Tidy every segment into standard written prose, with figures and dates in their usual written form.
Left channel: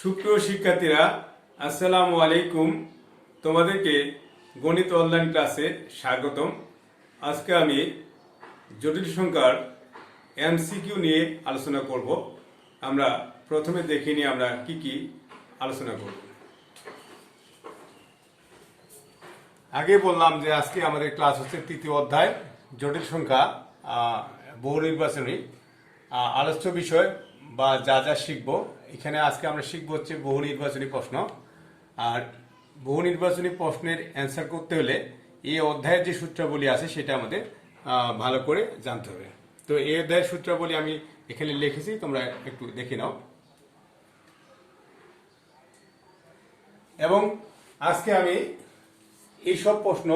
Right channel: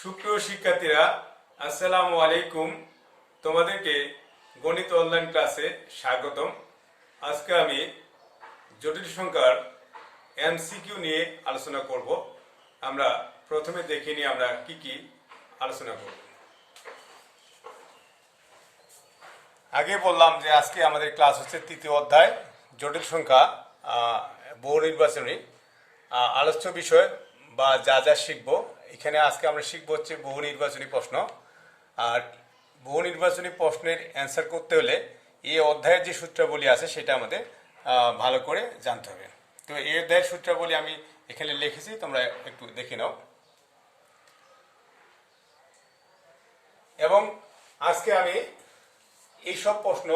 সুপ্রিয় শিক্ষার্থীরা, আসসালামু আলাইকুম। তোমাদেরকে গণিত অনলাইন ক্লাসে স্বাগতম। আজকে আমি জটিল সংখ্যার এমসিকিউ নিয়ে আলোচনা করব। আমরা প্রথমে দেখে নিই আমরা কি কি আলোচনা করব। আগে বললাম যে আজকে আমাদের ক্লাস হচ্ছে তৃতীয় অধ্যায় জটিল সংখ্যা বহু নির্বাচনী আলোচ্য বিষয় বা যা যা শিখবো। এখানে আজকে আমরা শিখবো হচ্ছে বহু নির্বাচনী প্রশ্ন। আর বহু নির্বাচনী প্রশ্নের অ্যান্সার করতে হলে এই অধ্যায়ের যে সূত্রাবলী আছে সেটা আমাদের ভালো করে জানতে হবে। তো এই অধ্যায়ের সূত্রাবলী আমি এখানে লিখেছি, তোমরা একটু দেখে নাও। এবং আজকে আমি এইসব প্রশ্ন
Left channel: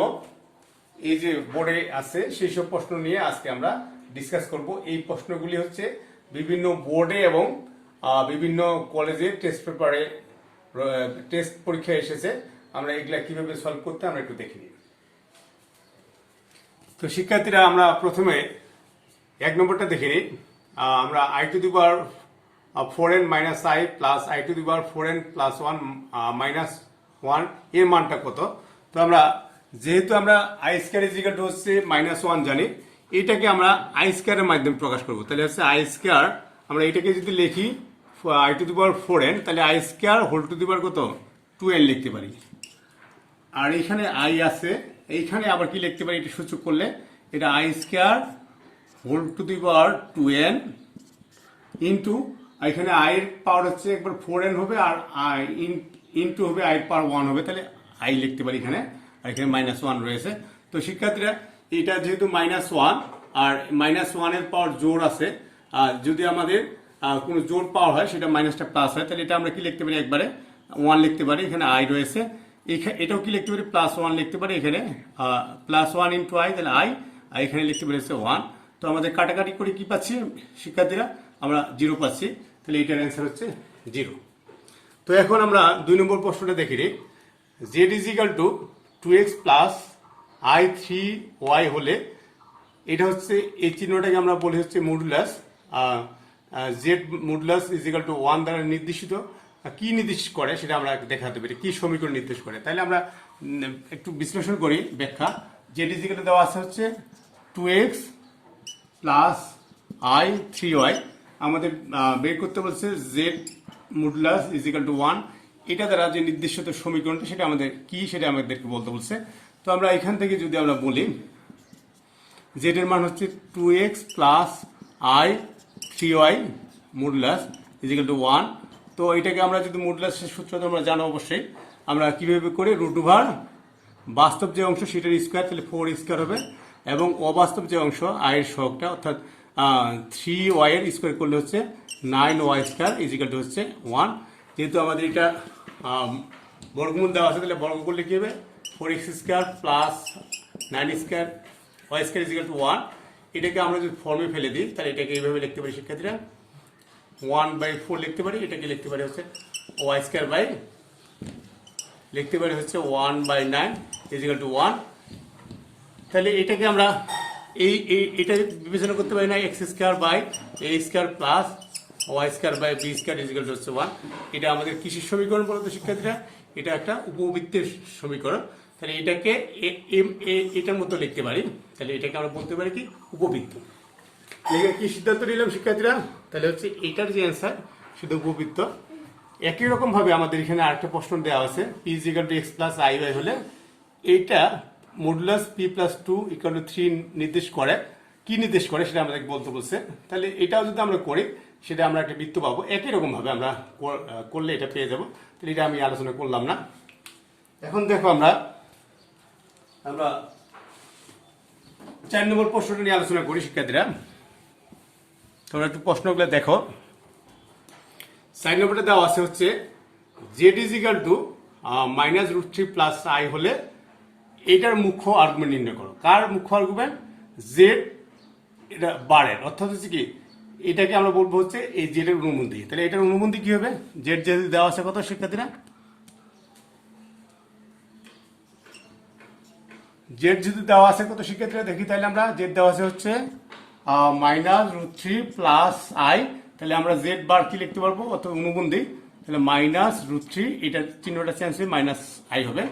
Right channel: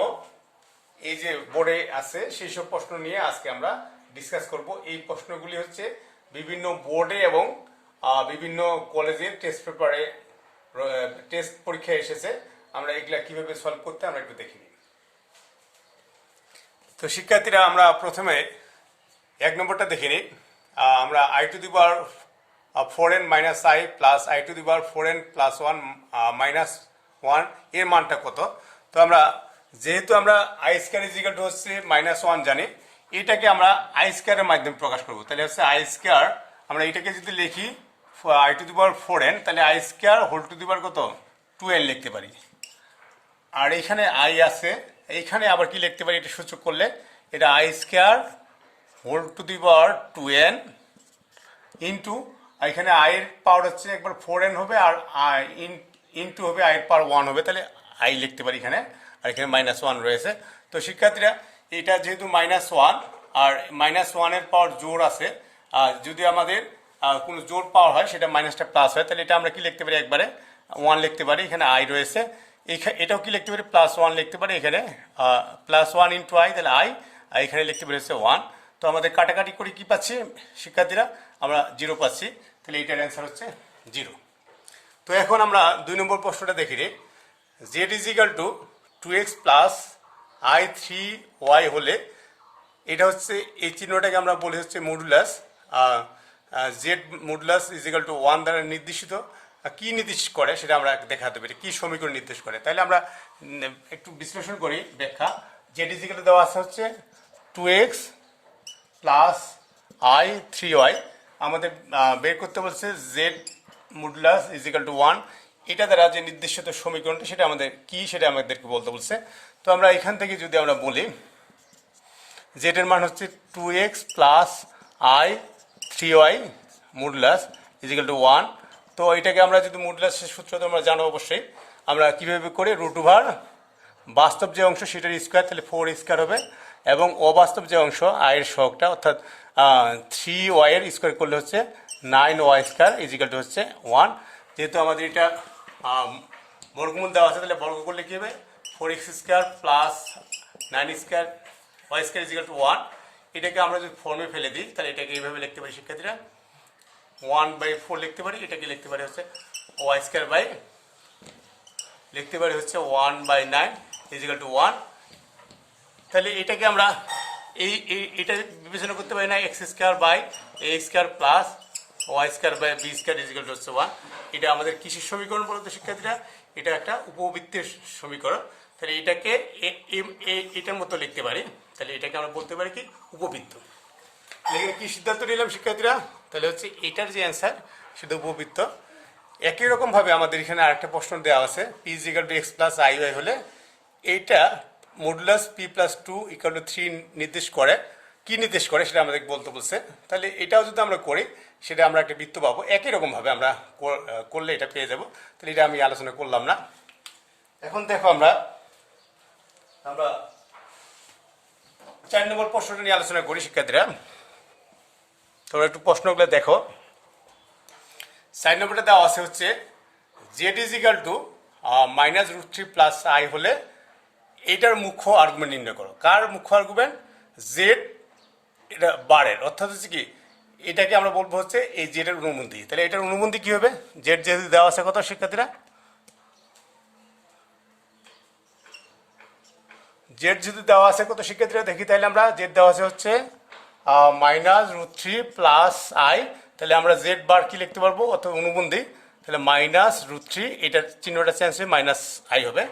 এই যে বোর্ডে আছে সেই সব প্রশ্ন নিয়ে আজকে আমরা ডিসকাস করব। এই প্রশ্নগুলি হচ্ছে বিভিন্ন বোর্ডে এবং বিভিন্ন কলেজে টেস্ট পেপারে টেস্ট পরীক্ষায় এসেছে। আমরা এগুলা কিভাবে সলভ করতে আমরা একটু দেখে নিই। তো শিক্ষার্থীরা, আমরা প্রথমে এক নম্বরটা দেখে নিই। আমরা I two the power 4n minus I plus I two the power 4n plus 1 minus 1 এর মানটা কত। তো আমরা যেহেতু আমরা I square is equal to হচ্ছে -1 জানি, এটাকে আমরা আই স্কয়ারের মাধ্যমে প্রকাশ করব। তাহলে হচ্ছে আই স্কয়ার, আমরা এটাকে যদি লিখি I two the power 4n, তাহলে I square whole to the power কত 2n লিখতে পারি। আর এখানে আই আছে, এইখানে আবার কি লিখতে পারি, এটা সূচক করলে এটা i square whole to the power 2n into এখানে আই এর পাওয়ার হচ্ছে একবার 4n হবে আর আই ইন্টু হবে আই এর পাওয়ার 1 হবে, তাহলে আই লিখতে পারি এখানে। আর এখানে -1 রয়েছে। তো শিক্ষার্থীরা, এটা যেহেতু -1 আর -1 এর পাওয়ার জোর আছে, আর যদি আমাদের কোনো জোর পাওয়ার হয় সেটা মাইনাসটা প্লাস হয়, তাহলে এটা আমরা কি লিখতে পারি, একবারে 1 লিখতে পারি। এখানে আই রয়েছে, এটাও কি লিখতে পারি, +1 লিখতে পারি। এখানে +1 ইন্টু আই, তাহলে আই, আর এখানে লিখতে পারি হচ্ছে 1। তো আমাদের কাটাকাটি করে কি পাচ্ছি শিক্ষার্থীরা, আমরা 0 পাচ্ছি। তাহলে এইটার অ্যান্সার হচ্ছে 0। তো এখন আমরা 2 নম্বর প্রশ্নটা দেখি রে। z is equal two 2x plus I 3y হলে, এটা হচ্ছে এই চিহ্নটাকে আমরা বলি হচ্ছে modulus. Z modulus is equal two 1 দ্বারা নির্দেশিত। কি নির্দেশ করে সেটা আমরা দেখাতে পারি, কি সমীকরণ নির্দেশ করে। তাহলে আমরা একটু বিশ্লেষণ করি, ব্যাখ্যা। জেড ইজ ইকাল টু দেওয়া আছে হচ্ছে 2x প্লাস আই 3y। আমাদের বের করতে বলছে Z modulus is equal two 1। এটা দ্বারা যে নির্দেশিত সমীকরণটা সেটা আমাদের কি, সেটা আমাদেরকে বলতে বলছে। তো আমরা এখান থেকে যদি আমরা বলি, জেড এর মান হচ্ছে 2x plus I 3y modulus is equal two 1। তো এটাকে আমরা যদি মডুলাসের সূত্র তো আমরা জানো অবশ্যই, আমরা কিভাবে করি, রুট ওভার বাস্তব যে অংশ সেটার স্কোয়ার, তাহলে 4 স্কোয়ার হবে, এবং অবাস্তব যে অংশ আয়ের সহগটা অর্থাৎ 3y এর স্কোয়ার করলে হচ্ছে 9y square is equal to হচ্ছে 1। যেহেতু আমাদের এটা বর্গমূল দেওয়া আছে, তাহলে বর্গ করলে কি হবে, 4x square plus 9 square y square is equal two 1। এটাকে আমরা যদি ফর্মে ফেলে দিই, তাহলে এটাকে এইভাবে লিখতে পারি শিক্ষার্থীরা, 1/4 লিখতে পারি। এটাকে লিখতে পারি হচ্ছে y স্কোয়ার বাই, লিখতে পারি হচ্ছে 1/9 ইজ ইকাল টু 1। তাহলে এটাকে আমরা এটা বিবেচনা করতে পারি না, x square by a square plus y square by b square is equal to হচ্ছে 1। এটা আমাদের কিসের সমীকরণ বলতো শিক্ষার্থীরা, এটা একটা উপবৃত্তের সমীকরণ। তাহলে এটাকে এটার মতো লিখতে পারি, তাহলে এটাকে আমরা বলতে পারি কি, উপবৃত্ত। লিখে কি সিদ্ধান্ত নিলাম শিক্ষার্থীরা, তাহলে হচ্ছে এটার যে অ্যান্সার সেটা উপবৃত্ত। একই রকম ভাবে আমাদের এখানে আরেকটা প্রশ্ন দেওয়া আছে, p is equal to x plus I y হলে এইটা modulus p plus 2 equal to 3 নির্দেশ করে। কি নির্দেশ করে সেটা আমাদের বলতে বলছে। তাহলে এটাও যদি আমরা করি, সেটা আমরা একটা বৃত্ত পাবো। একই রকম ভাবে আমরা করলে এটা পেয়ে যাব। তাহলে এটা আমি আলোচনা করলাম না। এখন দেখো, আমরা 4 নম্বর প্রশ্নটা নিয়ে আলোচনা করি শিক্ষার্থীরা। তোমরা একটু প্রশ্নগুলো দেখো। 4 নম্বরটা দেওয়া আছে হচ্ছে Z is equal to -√3 plus I হলে এইটার মুখ্য আর্গুমেন্ট নির্ণয় করো। কার মুখ্য আর্গুমেন্ট, জেড, এটা বারের, অর্থাৎ হচ্ছে কি, এটাকে আমরা বলবো হচ্ছে এই জেডের অনুবন্ধী। তাহলে এটার অনুবন্ধী কি হবে, জেড যেহেতু দেওয়া আছে কত শিক্ষার্থীরা, জেড যদি দেওয়া আছে কত শিক্ষার্থীরা দেখি, তাহলে আমরা জেড দেওয়া আছে হচ্ছে -√3 প্লাস আই। তাহলে আমরা জেড বার কি লিখতে পারবো, অর্থাৎ অনুবন্ধী। তাহলে মাইনাস রুট থ্রি, এটার চিহ্নটা চেঞ্জ হয়ে মাইনাস আই হবে।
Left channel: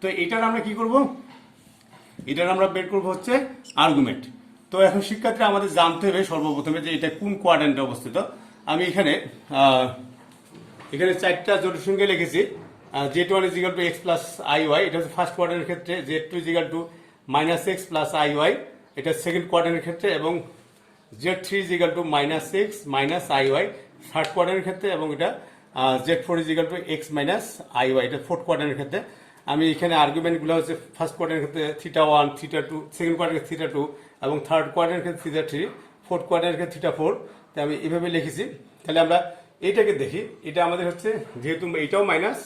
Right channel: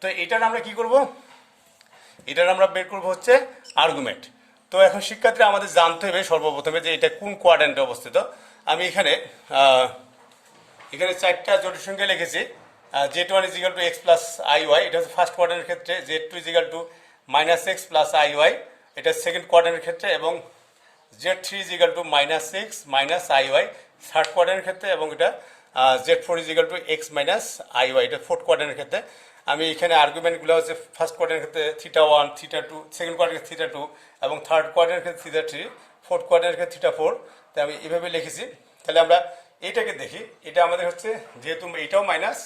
তো এটার আমরা কি করব, এটার আমরা বের করব হচ্ছে আর্গুমেন্ট। তো এখন শিক্ষার্থীরা আমাদের জানতে হবে সর্বপ্রথমে যে এটা কোন কোয়াড্র্যান্টে অবস্থিত। আমি এখানে চারটা জটিল সংখ্যা লিখেছি। z1 is equal to x plus I Y, এটা হচ্ছে ফার্স্ট কোয়াড্র্যান্টের ক্ষেত্রে। z2 is equal to minus X plus I Y, এটা সেকেন্ড কোয়াড্র্যান্টের ক্ষেত্রে। এবং z3 is equal to minus X minus I Y, third কোয়াড্র্যান্টের ক্ষেত্রে। এবং এটা z4 is equal to X minus I Y, এটা ফোর্থ কোয়াড্র্যান্টের ক্ষেত্রে। আমি এখানে আর্গুমেন্টগুলো হচ্ছে ফার্স্ট কোয়াড্র্যান্টের ক্ষেত্রে theta one, theta two, second কোয়াড্র্যান্টের থিটা টু, এবং থার্ড কোয়াড্র্যান্টের ক্ষেত্রে থিটা থ্রি, ফোর্থ কোয়াড্র্যান্টের ক্ষেত্রে থিটা ফোর। তাই আমি এভাবে লিখেছি। তাহলে আমরা এইটাকে দেখি, এটা আমাদের হচ্ছে যেহেতু এটাও মাইনাস,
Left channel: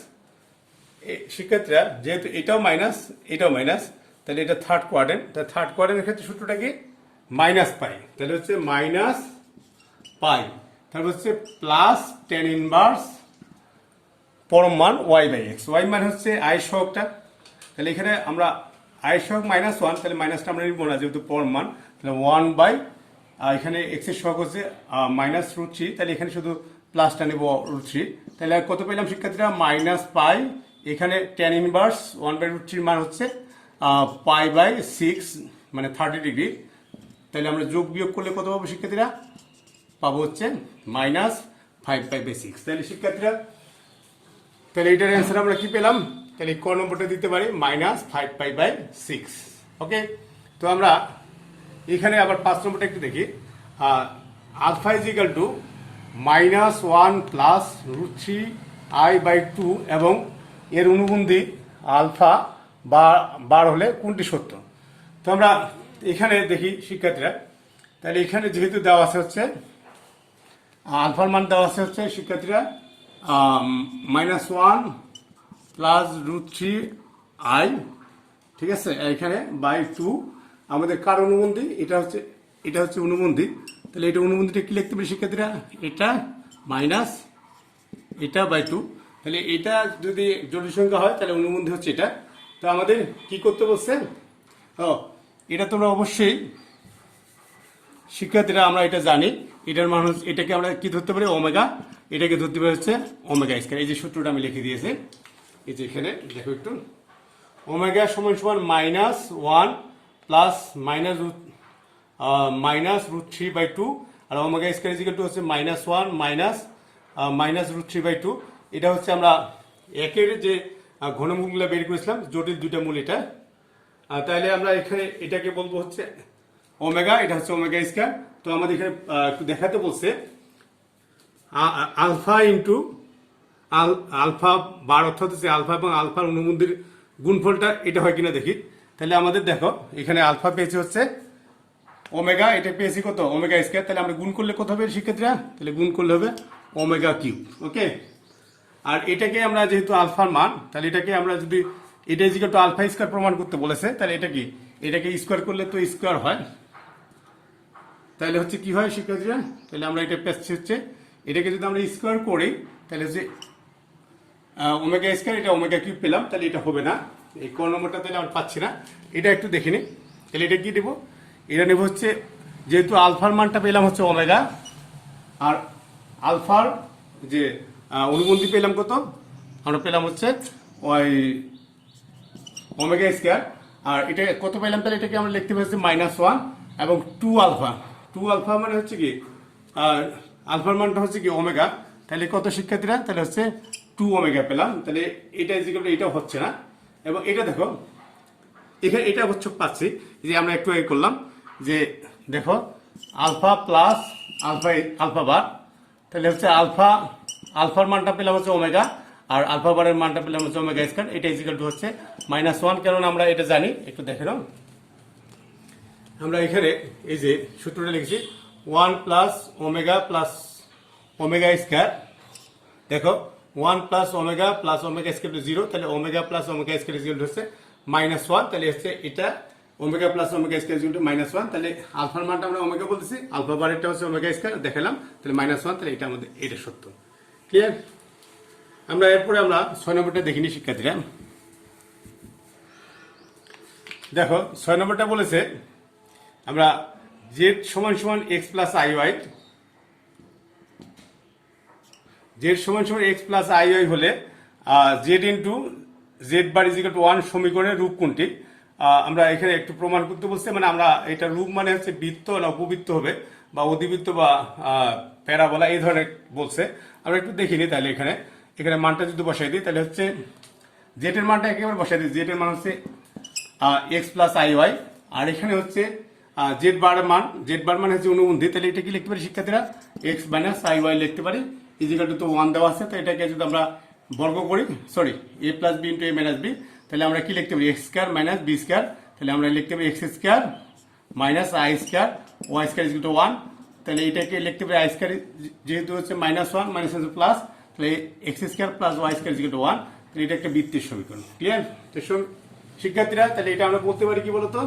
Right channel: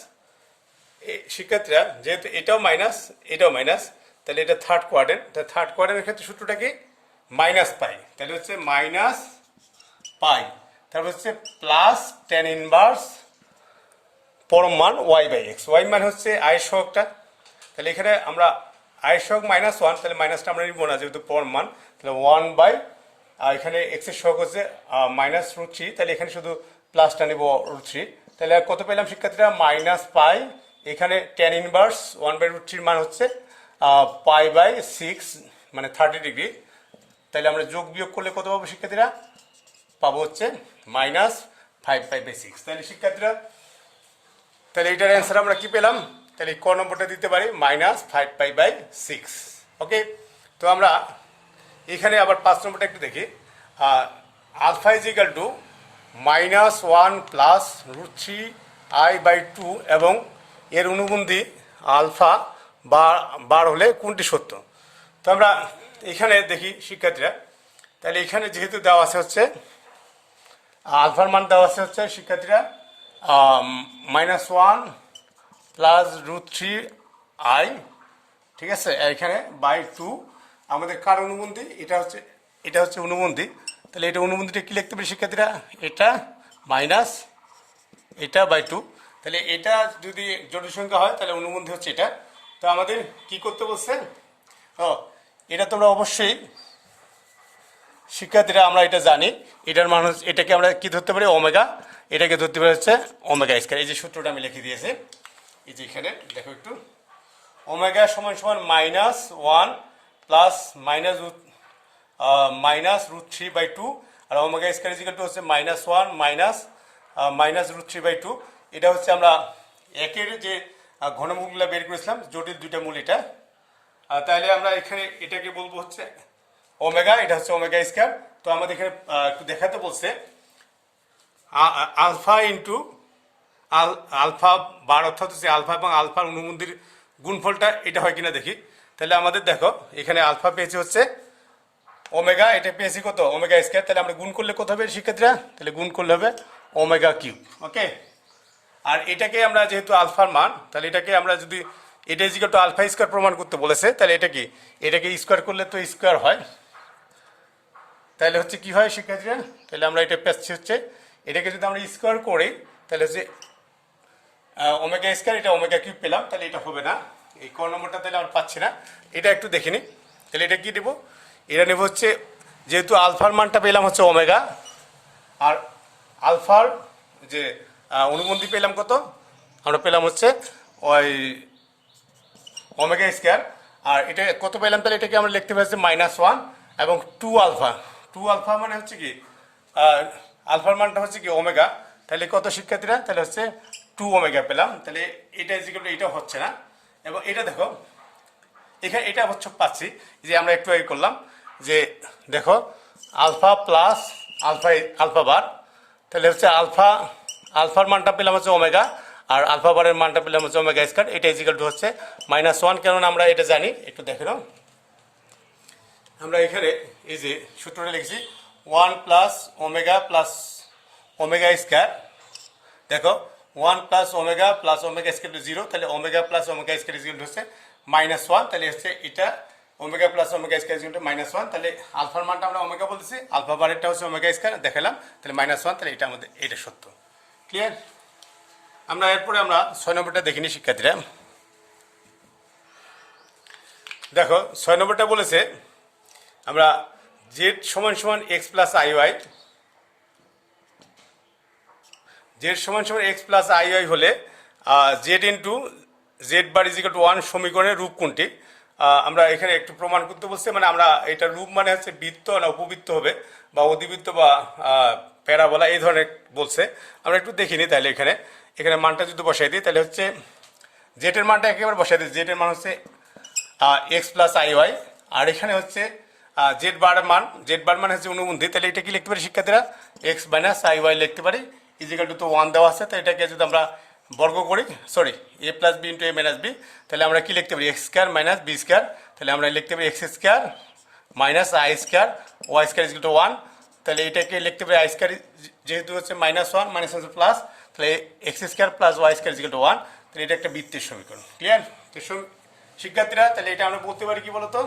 শিক্ষার্থীরা যেহেতু এটাও মাইনাস এটাও মাইনাস, তাহলে এটা থার্ড কোয়াড্র্যান্ট। তাহলে থার্ড কোয়াড্র্যান্টের ক্ষেত্রে সূত্রটা কি, মাইনাস পাই। তাহলে হচ্ছে মাইনাস পাই, তারপর হচ্ছে প্লাস টেন ইনভার্স পরম মান ওয়াই বাই এক্স। ওয়াই মান হচ্ছে আয়ের সহগটা। তাহলে এখানে আমরা আয়ের সহগ মাইনাস ওয়ান, তাহলে মাইনাসটা আমরা নিব না যেহেতু পরম মান। তাহলে ওয়ান বাই এখানে এক্সের সহগ হচ্ছে মাইনাস রুট থ্রি, তাহলে এখানে শুধু প্লাসটা নেব রুট থ্রি। তাহলে কত পেলাম শিক্ষার্থীরা, মাইনাস পাই। এখানে tan inverse one by root থ্রির মান হচ্ছে পাই বাই সিক্স, মানে 30 ডিগ্রি। তাহলে আমরা যোগ বিয়োগ করলে কত পাবো শিক্ষার্থীরা, পাবো হচ্ছে মাইনাস 5 পাই বাই সিক্স। তাহলে শিক্ষার্থীরা, তাহলে এটার অ্যান্সার আমরা কি পেলাম, তাহলে ক নম্বরটা দিতে পারি minus 5 pi by six. Okay, তো আমরা এখানে আবার 5 নম্বরটা একটু দেখি। Alpha is equal to minus one plus root three i by two, এবং এর অনুবন্ধী আলফা বার হলে কোনটি সত্য। তো আমরা এখানে দেখি শিক্ষার্থীরা, তাহলে এখানে যেহেতু দেওয়া আছে হচ্ছে আলফার মান দেওয়া আছে হচ্ছে শিক্ষার্থীরা minus one plus root three i, ঠিক আছে, এখানে বাই টু। আমাদের কার অনুবন্ধী, এটা হচ্ছে অনুবন্ধী। তাহলে এটা অনুবন্ধীটা কি লিখতে পারি শিক্ষার্থীরা, এটা মাইনাস এটা বাই টু। তাহলে এটা যদি জটিল সংখ্যা হয় তাহলে অনুবন্ধী হচ্ছে এটা। তো আমাদের কি করতে বলছেন, এটা তোমরা অবশ্যই শিক্ষার্থীরা আমরা এটা জানি। এটার মান হচ্ছে, এটাকে আমরা কি ধরতে পারি, ওমেগা। এটাকে ধরতে পারি হচ্ছে ওমেগা স্কয়ার। এই যে সূত্রটা আমি লিখে দিয়েছি, এই যে এখানে দেখো একটু, ওমেগা সমান সমান minus one plus minus root three by two, আর omega square is equal to হচ্ছে minus one minus root three by two. এটা হচ্ছে আমরা একের যে ঘনমূলগুলো বের করেছিলাম, জটিল দুইটা মূল এটা। তাহলে আমরা এখানে এটাকে বলবো হচ্ছে ওমেগা, এটা হচ্ছে ওমেগা স্কয়ার। তো আমাদের এখানে একটু দেখাতে বলছে আলফা ইন্টু আলফা বার, অর্থাৎ হচ্ছে আলফা এবং আলফার অনুবন্ধীর গুণফলটা এটা হয় কিনা দেখি। তাহলে আমাদের দেখো এখানে আলফা পেয়েছি হচ্ছে ওমেগা, এটা পেয়েছি কত, ওমেগা স্কয়ার। তাহলে আমরা গুণ করলে কত হবে শিক্ষার্থীরা, তাহলে গুণ করলে হবে ওমেগা কিউব। ওকে, আর এটাকে আমরা যেহেতু আলফার মান, তাহলে এটাকে আমরা যদি এটা is equal to alpha square প্রমাণ করতে বলেছে, তাহলে এটাকে স্কয়ার করলে তো স্কয়ার হয়। তাহলে হচ্ছে কি হয় শিক্ষার্থীরা, তাহলে আমরা এটা পেয়েছি হচ্ছে, এটাকে যদি আমরা স্কয়ার করি তাহলে হচ্ছে ওমেগা স্কয়ার, এটা ওমেগা কিউব পেলাম। তাহলে এটা হবে না, এই কোন নম্বরটা তাহলে আমরা পাচ্ছি না। এটা একটু দেখিনি, তাহলে এটা কি দেবো, এটা নেব হচ্ছে যেহেতু আলফার মানটা পেলাম হচ্ছে ওমেগা, আর আলফার যে অনুবন্ধী পেলাম কত, আমরা পেলাম হচ্ছে ওই ওমেগা স্কয়ার। আর এটা কত পেলাম, তাহলে এটাকে আমরা লিখতে পারছি মাইনাস ওয়ান এবং টু আলফা মানে হচ্ছে কি আলফার মানটা হচ্ছে কি ওমেগা। তাহলে কত শিক্ষার্থীরা, তাহলে হচ্ছে টু ওমেগা পেলাম। তাহলে এটা এটা হচ্ছে না, এবং এটা দেখো এখানে এটা হচ্ছে পাচ্ছি যে আমরা একটু আগে করলাম যে দেখো আলফা প্লাস আলফা বার, তাহলে হচ্ছে আলফার মানটা পেলাম হচ্ছে ওমেগা, আর আলফা বারের মানটা পেলাম হচ্ছে ওমেগা স্কয়ার। এটা ইজ ইকুয়াল টু হচ্ছে মাইনাস ওয়ান, কারণ আমরা এটা জানি। একটু দেখে নাও, আমরা এখানে এই যে সূত্রটা লিখেছি ওয়ান প্লাস ওমেগা স্কয়ার। দেখো one plus omega square zero, তাহলে omega plus omega square is equal to হচ্ছে মাইনাস ওয়ান। তাহলে হচ্ছে এটা omega plus omega square is equal to minus one. তাহলে আলফার মানটা আমরা ওমেগা বলতেছি, আলফা বারেরটা হচ্ছে ওমেগা স্কয়ার দেখালাম, তাহলে মাইনাস ওয়ান। তাহলে এটা আমাদের এটা সত্য। ক্লিয়ার? আমরা এরপরে আমরা 6 নম্বরটা দেখিনি শিক্ষার্থীরা। দেখো 6 নম্বরটা বলেছে আমরা জেড সমান সমান x plus I y z সমান সমান এক্স প্লাস আই ওয়াই হলে z into z bar is equal to 1 সমীকরণের রূপ কোনটি? আমরা এখানে একটু প্রমাণ করতে বলছি, মানে আমরা এটা রূপ মানে হচ্ছে বৃত্ত না উপবৃত্ত হবে বা অধিবৃত্ত বা প্যারাবোলা এই ধরনের বলছে। আমরা একটু দেখিনি, তাহলে এখানে এখানে মানটা যদি বসাই দিই তাহলে হচ্ছে জেড এর মানটা একেবারে বসাই দিই। জেড এর মান হচ্ছে এক্স প্লাস আই ওয়াই, আর এখানে হচ্ছে জেড বার মানে হচ্ছে অনুবন্ধী, তাহলে এটা কি লিখতে পারি শিক্ষার্থীরা? এক্স মাইনাস আই ওয়াই লিখতে পারি, ইজিক্যাল টু তো 1 দেওয়া আছে, তো এটাকে যদি আমরা বর্গ করি, sorry a plus b into a minus b, তাহলে আমরা কি লিখতে পারি? X square minus b square, তাহলে আমরা লিখতে পারি x square minus i square y square is equal to 1, তাহলে এটাকে লিখতে পারি আই স্কোয়ার যেহেতু হচ্ছে -1 মাইনাস হচ্ছে প্লাস, তাহলে x square plus y square is equal to 1, তাহলে এটা একটা বৃত্তের সমীকরণ। ক্লিয়ার? তো শিক্ষার্থীরা তাহলে এটা আমরা বলতে পারি কি বলতো,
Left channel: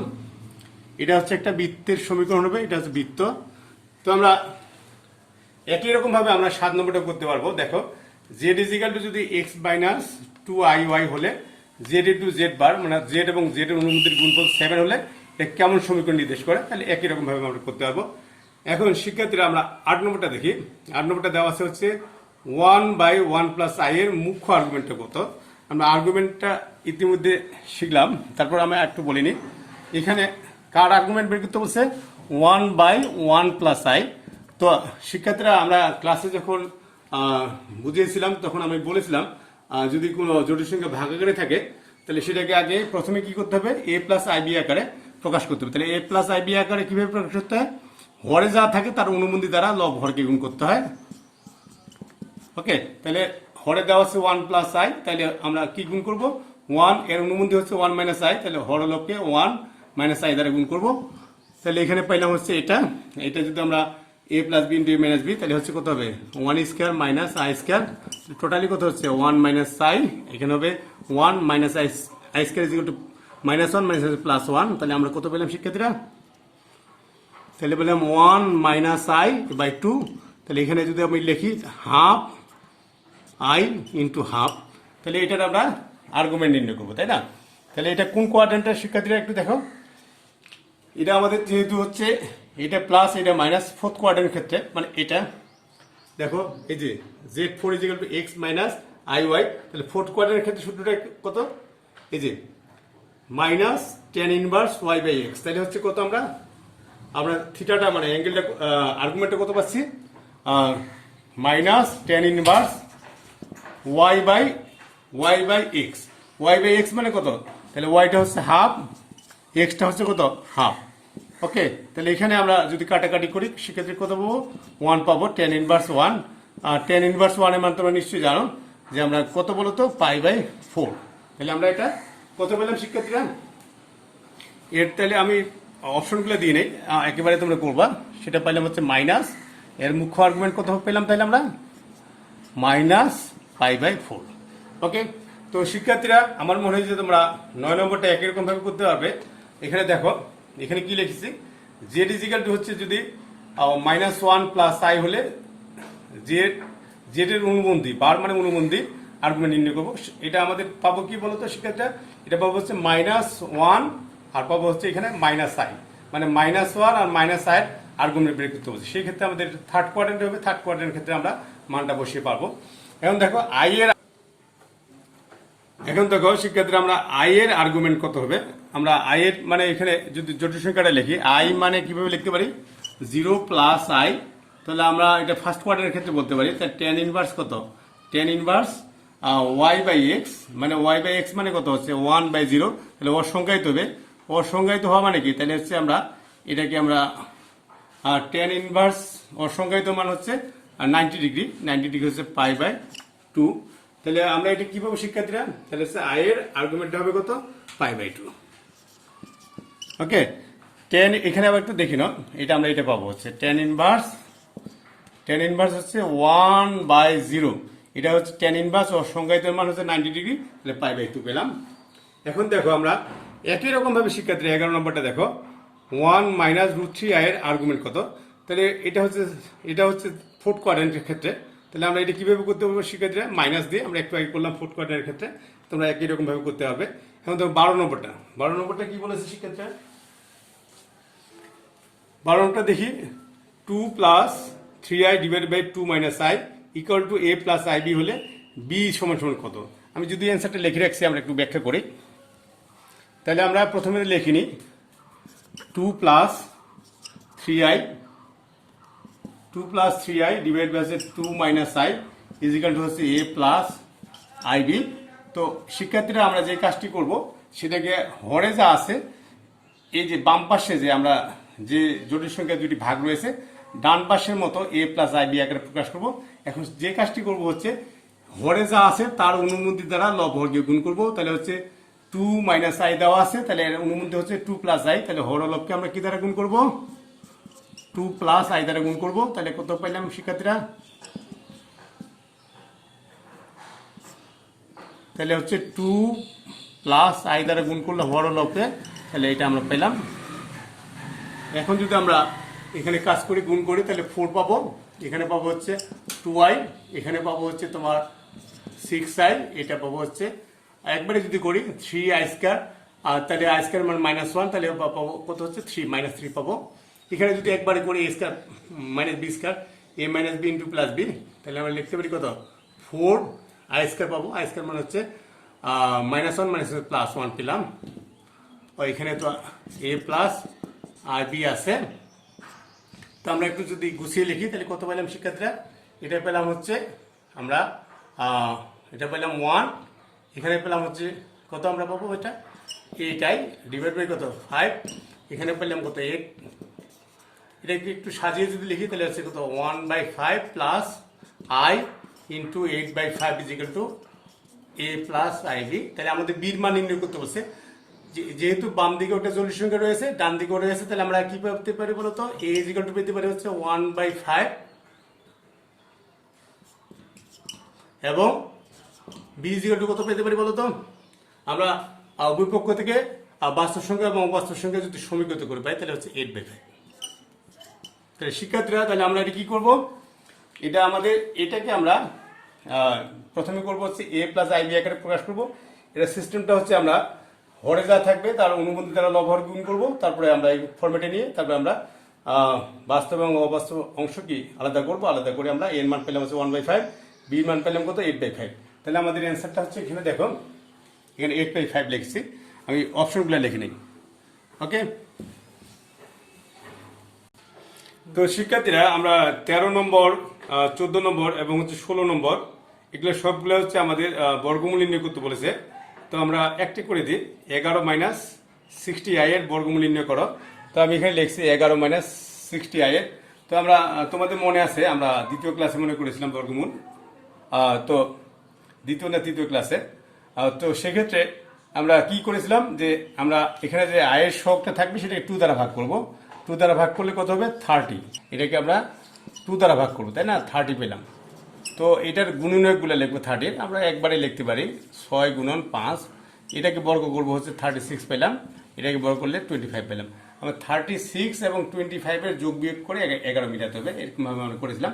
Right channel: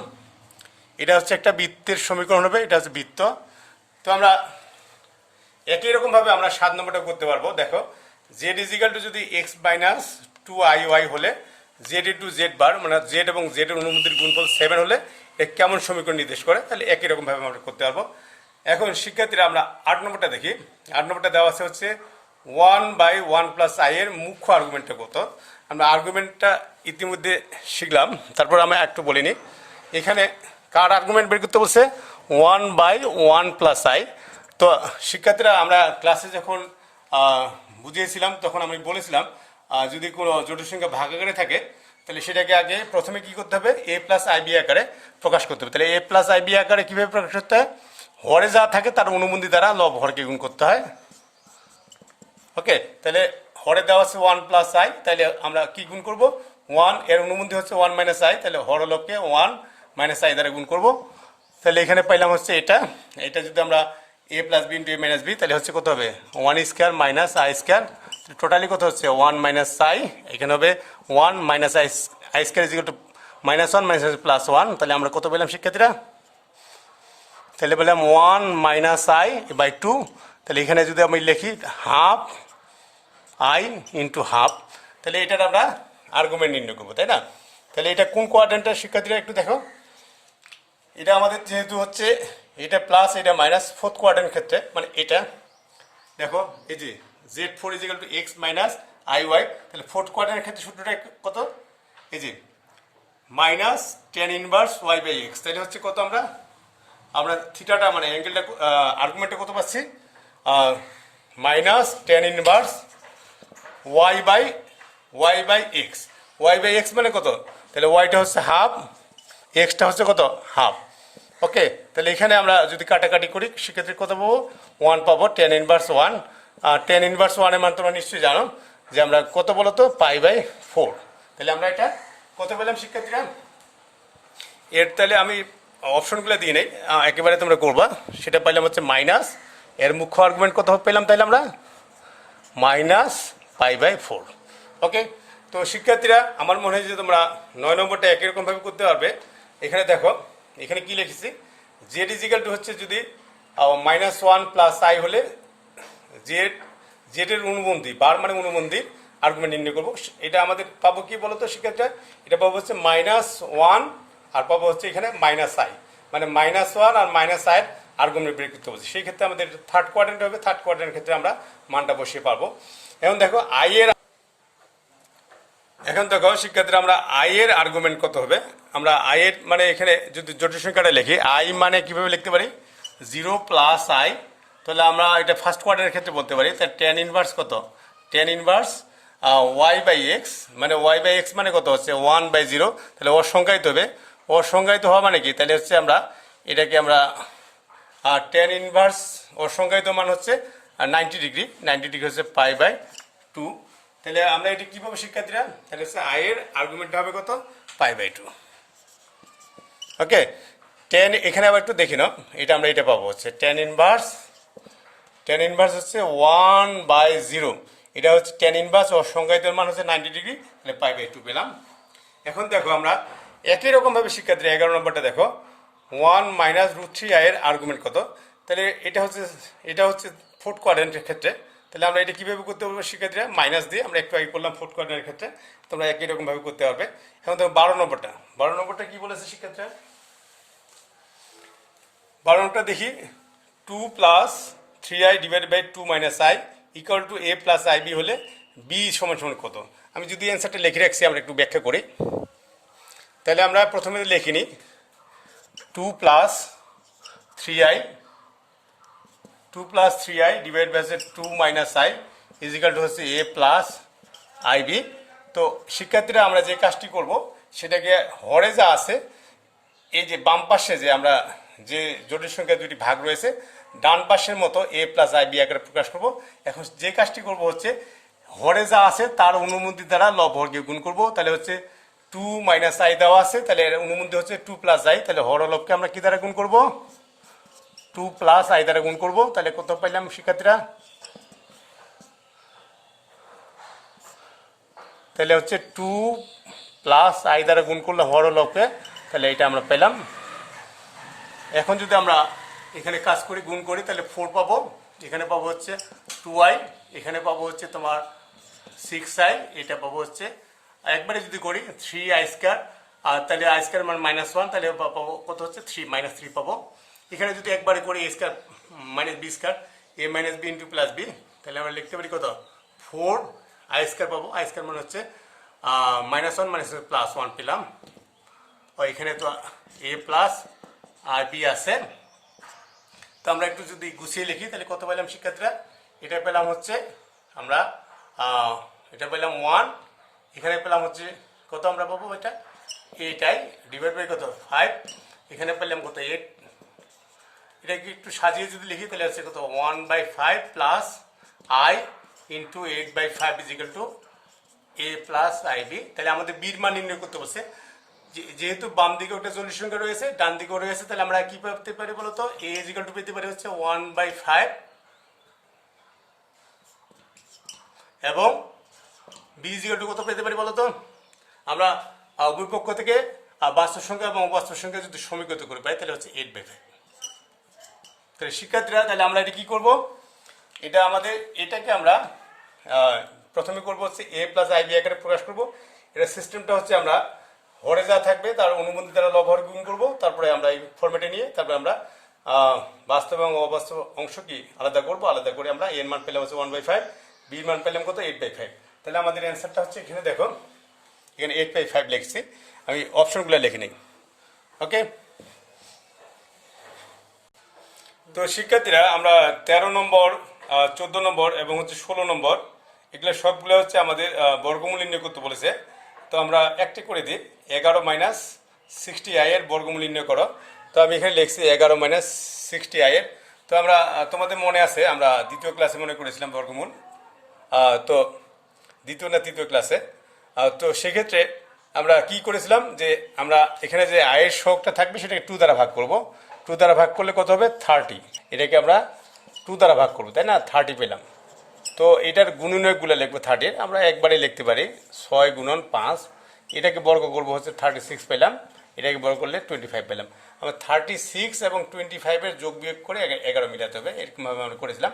এটা হচ্ছে একটা বৃত্তের সমীকরণ হবে, এটা হচ্ছে বৃত্ত। তো আমরা একই রকম ভাবে আমরা 7 নম্বরটা করতে পারবো। দেখো জেড ইজিক্যাল টু যদি এক্স মাইনাস 2 আই ওয়াই হলে জেড ইন্টু জেড বার মানে জেড এবং জেড এর অনুমতির গুণফল 7 হলে এটা কেমন সমীকরণ নির্দেশ করে, তাহলে একই রকম ভাবে আমরা করতে পারবো। এখন শিক্ষার্থীরা আমরা 8 নম্বরটা দেখি। 8 নম্বরটা দেওয়া আছে হচ্ছে 1/1 প্লাস আই এর মুখ্য আর্গুমেন্টটা কত? আমরা আর্গুমেন্টটা ইতিমধ্যে শিখলাম, তারপর আমরা একটু বলিনি। এখানে কার আর্গুমেন্ট বের করতে বলছে? 1/1 প্লাস আই। তো শিক্ষার্থীরা আমরা ক্লাসে যখন বুঝিয়েছিলাম তখন আমি বলেছিলাম যদি কোনো জটিল সংখ্যা ভাগাকারে থাকে তাহলে সেটাকে আগে প্রথমে কি করতে হবে? এ প্লাস আই বি আকারে প্রকাশ করতে হবে। তাহলে এ প্লাস আই বি আকারে কিভাবে প্রকাশ করতে হয়? হরে যা থাকে তার অনুবন্ধী দ্বারা লব হরকে গুণ করতে হয়। ওকে, তাহলে হরে দেওয়া আছে 1 প্লাস আই, তাহলে আমরা কি গুণ করব? 1 এর অনুবন্ধী হচ্ছে 1 মাইনাস আই, তাহলে হরলবকে 1 মাইনাস আই দ্বারা গুণ করব। তাহলে এখানে পাইলাম হচ্ছে এটা যদি আমরা এ plus b into a minus b, তাহলে হচ্ছে কত হবে? 1 square minus i square, totally কত হচ্ছে? 1 মাইনাস আই, এখানে হবে 1 minus i square is equal to -1 minus plus 1, তাহলে আমরা কত পেলাম শিক্ষার্থীরা? তাহলে পেলাম 1 মাইনাস আই বাই 2, তাহলে এখানে যদি আমি লিখি হাফ আই ইন্টু হাফ, তাহলে এটার আমরা আর্গুমেন্ট নির্ণয় করবো, তাই না? তাহলে এটা কোন কোয়াড্রেন্টের শিক্ষার্থীরা একটু দেখো। এটা আমাদের যেহেতু হচ্ছে এটা প্লাস এটা মাইনাস, ফোর্থ কোয়াড্রেন্টের ক্ষেত্রে মানে এটা দেখো এই যে z4 is equal to x minus I y, তাহলে ফোর্থ কোয়াড্রেন্টের ক্ষেত্রে সূত্রটা কত? এই যে minus tan inverse y by x, তাহলে হচ্ছে কত? আমরা থিটাটা মানে অ্যাঙ্গেলটা আর্গুমেন্টটা কত পাচ্ছি? Minus tan inverse y by x. Y by x মানে কত? তাহলে ওয়াইটা হচ্ছে হাফ, এক্সটা হচ্ছে কত? হাফ। ওকে, তাহলে এখানে আমরা যদি কাটাকাটি করি সেক্ষেত্রে কত পাবো? 1 পাবো, টেন ইনভার্স 1। আর টেন ইনভার্স 1 এর মান তোমরা নিশ্চয়ই জানো যে আমরা কত বলো তো? π/4। তাহলে আমরা এটা কত পেলাম শিক্ষার্থীরা? এর তাহলে আমি অপশনগুলো দিয়ে নেই, একেবারে তোমরা করবা। সেটা পাইলাম হচ্ছে মাইনাস, এর মুখ্য আর্গুমেন্ট কত পেলাম তাইলে আমরা? -π/4। ওকে, তো শিক্ষার্থীরা আমার মনে হয় যে তোমরা 9 নম্বরটা একই রকম ভাবে করতে পারবে। এখানে দেখো এখানে কি লিখেছি? জেড ইজিক্যাল টু হচ্ছে যদি -1 প্লাস আই হলে জেড এর অনুবন্ধী বার মানে অনুবন্ধী আর্গুমেন্ট নির্ণয় করবো। এটা আমাদের পাবো কি বলতো শিক্ষার্থীরা? এটা পাবো হচ্ছে -1 আর পাবো হচ্ছে এখানে মাইনাস আই, মানে -1 আর মাইনাস আই আর্গুমেন্ট বের করতে বলছি। সেই ক্ষেত্রে আমাদের থার্ড কোয়াড্রেন্ট হবে, থার্ড কোয়াড্রেন্টের ক্ষেত্রে আমরা মানটা বসিয়ে পারবো। এখন দেখো শিক্ষার্থীরা আমরা আই এর আর্গুমেন্ট কত হবে? আমরা আই এর মানে এখানে যদি জটিল সংখ্যাটা লিখি, আই মানে কিভাবে লিখতে পারি? 0 প্লাস আই, তাহলে আমরা এটা ফার্স্ট কোয়াড্রেন্টের ক্ষেত্রে বলতে পারি। তাহলে টেন ইনভার্স কত? Tan inverse y by x, মানে ওয়াই বাই এক্স মানে কত হচ্ছে? 1/0, তাহলে অসংজ্ঞায়িত হবে। অসংজ্ঞায়িত হওয়া মানে কি? তাহলে হচ্ছে আমরা এটাকে আমরা টেন ইনভার্স অসংজ্ঞায়িত মান হচ্ছে 90 ডিগ্রি, 90 ডিগ্রি হচ্ছে π/2। তাহলে আমরা এটা কি পাবো শিক্ষার্থীরা? তাহলে হচ্ছে আই এর আর্গুমেন্টটা হবে কত? π/2। ওকে, টেন এখানে আবার একটু দেখি নাও, এটা আমরা এটা পাবো হচ্ছে টেন ইনভার্স হচ্ছে 1/0, এটা হচ্ছে টেন ইনভার্স অসংজ্ঞায়িত মান হচ্ছে 90 ডিগ্রি, তাহলে π/2 পেলাম। এখন দেখো আমরা একই রকম ভাবে শিক্ষার্থীরা 11 নম্বরটা দেখো 1 মাইনাস √3 আই এর আর্গুমেন্ট কত? তাহলে এটা হচ্ছে ফোর্থ কোয়াড্রেন্টের ক্ষেত্রে। তাহলে আমরা এটা কিভাবে করতে পারবো শিক্ষার্থীরা? মাইনাস দিয়ে আমরা একটু আগে করলাম ফোর্থ কোয়াড্রেন্টের ক্ষেত্রে, তোমরা একই রকম ভাবে করতে পারবে। এখন দেখো 12 নম্বরটা কি বলেছে শিক্ষার্থীরা? 12 নম্বরটা দেখি 2 প্লাস 3i divided by 2 minus i equal to a plus i b হলে বি সমান সমান কত। আমি যদি অ্যান্সারটা লিখে রাখছি, আমরা একটু ব্যাখ্যা করি। তাহলে আমরা প্রথমে লিখে নিই 2 প্লাস 3i divide by 2 minus i is equal to হচ্ছে এ প্লাস আই বি। তো শিক্ষার্থীরা আমরা যে কাজটি করব সেটাকে হরে যা আছে, এই যে বাম পাশে যে আমরা যে জটিল সংখ্যা দুটি ভাগ রয়েছে, ডান পাশের মতো এ প্লাস আই বি আকারে প্রকাশ করব। এখন যে কাজটি করব হচ্ছে হরে যা আছে তার অনুমতি দ্বারা লব হরকে গুণ করব। তাহলে হচ্ছে 2 মাইনাস আই দেওয়া আছে, তাহলে এর অনুমতি হচ্ছে 2 প্লাস আই, তাহলে হর লবকে আমরা কি দ্বারা গুণ করব, 2 প্লাস আই দ্বারা গুণ করব। তাহলে কত পাইলাম শিক্ষার্থীরা, তাহলে হচ্ছে 2 প্লাস আই দ্বারা গুণ করলে হর লবকে, তাহলে এটা আমরা পেলাম। এখন যদি আমরা এখানে কাজ করি, গুণ করি, তাহলে 4 পাবো, এখানে পাবো হচ্ছে 2i, এখানে পাবো হচ্ছে তোমার 6i, এটা পাবো হচ্ছে একবারে যদি করি 3i স্কয়ার, আর তাহলে আই স্কয়ার মানে -1, তাহলে পাবো কত হচ্ছে 3 -3 পাবো। এখানে যদি একবারে করি a square minus b square, a minus b into plus b, তাহলে আমরা লিখতে পারি কত 4i স্কয়ার পাবো। আই স্কয়ার মানে হচ্ছে -1 মানে +1 পেলাম। ও এখানে তো a প্লাস আর বি আছে, তো আমরা একটু যদি গুছিয়ে লিখি তাহলে কত পেলাম শিক্ষার্থীরা, এটা পেলাম হচ্ছে আমরা এটা পেলাম 1, এখানে পেলাম হচ্ছে কত আমরা পাবো এটা 8i ডিভাইড বাই কত 5, এখানে পেলাম কত 8। এটাকে একটু সাজিয়ে যদি লিখি তাহলে হচ্ছে কত 1/5 plus i into 8/5 is equal to a plus i b. তাহলে আমাদের বির মান নির্ণয় করতে বলছে, যেহেতু বাম দিকে ওটা জটিল সংখ্যা রয়েছে, ডান দিকে রয়েছে, তাহলে আমরা কি পেতে পারি বলতো, a ইজ ইকুয়াল টু পেতে পারি হচ্ছে 1/5 এবং b ইজ ইকুয়াল টু কত পেতে পারি বলতো, আমরা উভয় পক্ষ থেকে বাস্তব সংখ্যা এবং অবাস্তব সংখ্যা যদি সমীকৃত করে পাই তাহলে হচ্ছে 8/5। তাহলে শিক্ষার্থীরা তাহলে আমরা এটা কি করব, এটা আমাদের এটাকে আমরা প্রথমে করব হচ্ছে a প্লাস আই বি আকারে প্রকাশ করব। এটা সিস্টেমটা হচ্ছে আমরা হরে যা থাকবে তার অনুমতি দ্বারা লব হর গুণ করবো, তারপরে আমরা এই ফরম্যাটে নিয়ে তারপরে আমরা বাস্তব এবং অবাস্তব অংশ কি আলাদা করব, আলাদা করে আমরা এর মান পেলাম হচ্ছে 1/5, বি মান পেলাম কত 8/5। তাহলে আমাদের অ্যান্সারটা হচ্ছে এখানে দেখো, এখানে 8/5 লিখছি, আমি অপশনগুলো লিখে নিই। ওকে, তো শিক্ষার্থীরা আমরা 13 নম্বর 14 নম্বর এবং হচ্ছে 16 নম্বর এগুলো সবগুলো হচ্ছে আমাদের বর্গমূল নির্ণয় করতে বলেছে। তো আমরা একটি করে দিই, 11 - 60i এর বর্গমূল নির্ণয় করো। তো আমি এখানে লিখছি 11 - 60i এর। তো আমরা তোমাদের মনে আছে আমরা দ্বিতীয় ক্লাসে মনে করেছিলাম বর্গমূল, তো দ্বিতীয় না তৃতীয় ক্লাসে। তো সেক্ষেত্রে আমরা কি করেছিলাম যে আমরা এখানে যে আয়ের সহগটা থাকবে সেটাকে 2 দ্বারা ভাগ করব। 2 দ্বারা ভাগ করলে কত হবে 30, এটাকে আমরা 2 দ্বারা ভাগ করবো, তাই না, 30 পেলাম। তো এটার গুণনীয়কগুলো লিখবো 30, আমরা একবারে লিখতে পারি 6 × 5, এটাকে বর্গ করবো হচ্ছে 36 পেলাম, এটাকে বর্গ করলে 25 পেলাম। আমরা 36 এবং 25-এর যোগ বিয়োগ করে 11 মিটাতে হবে, এরকমভাবে আমরা করেছিলাম।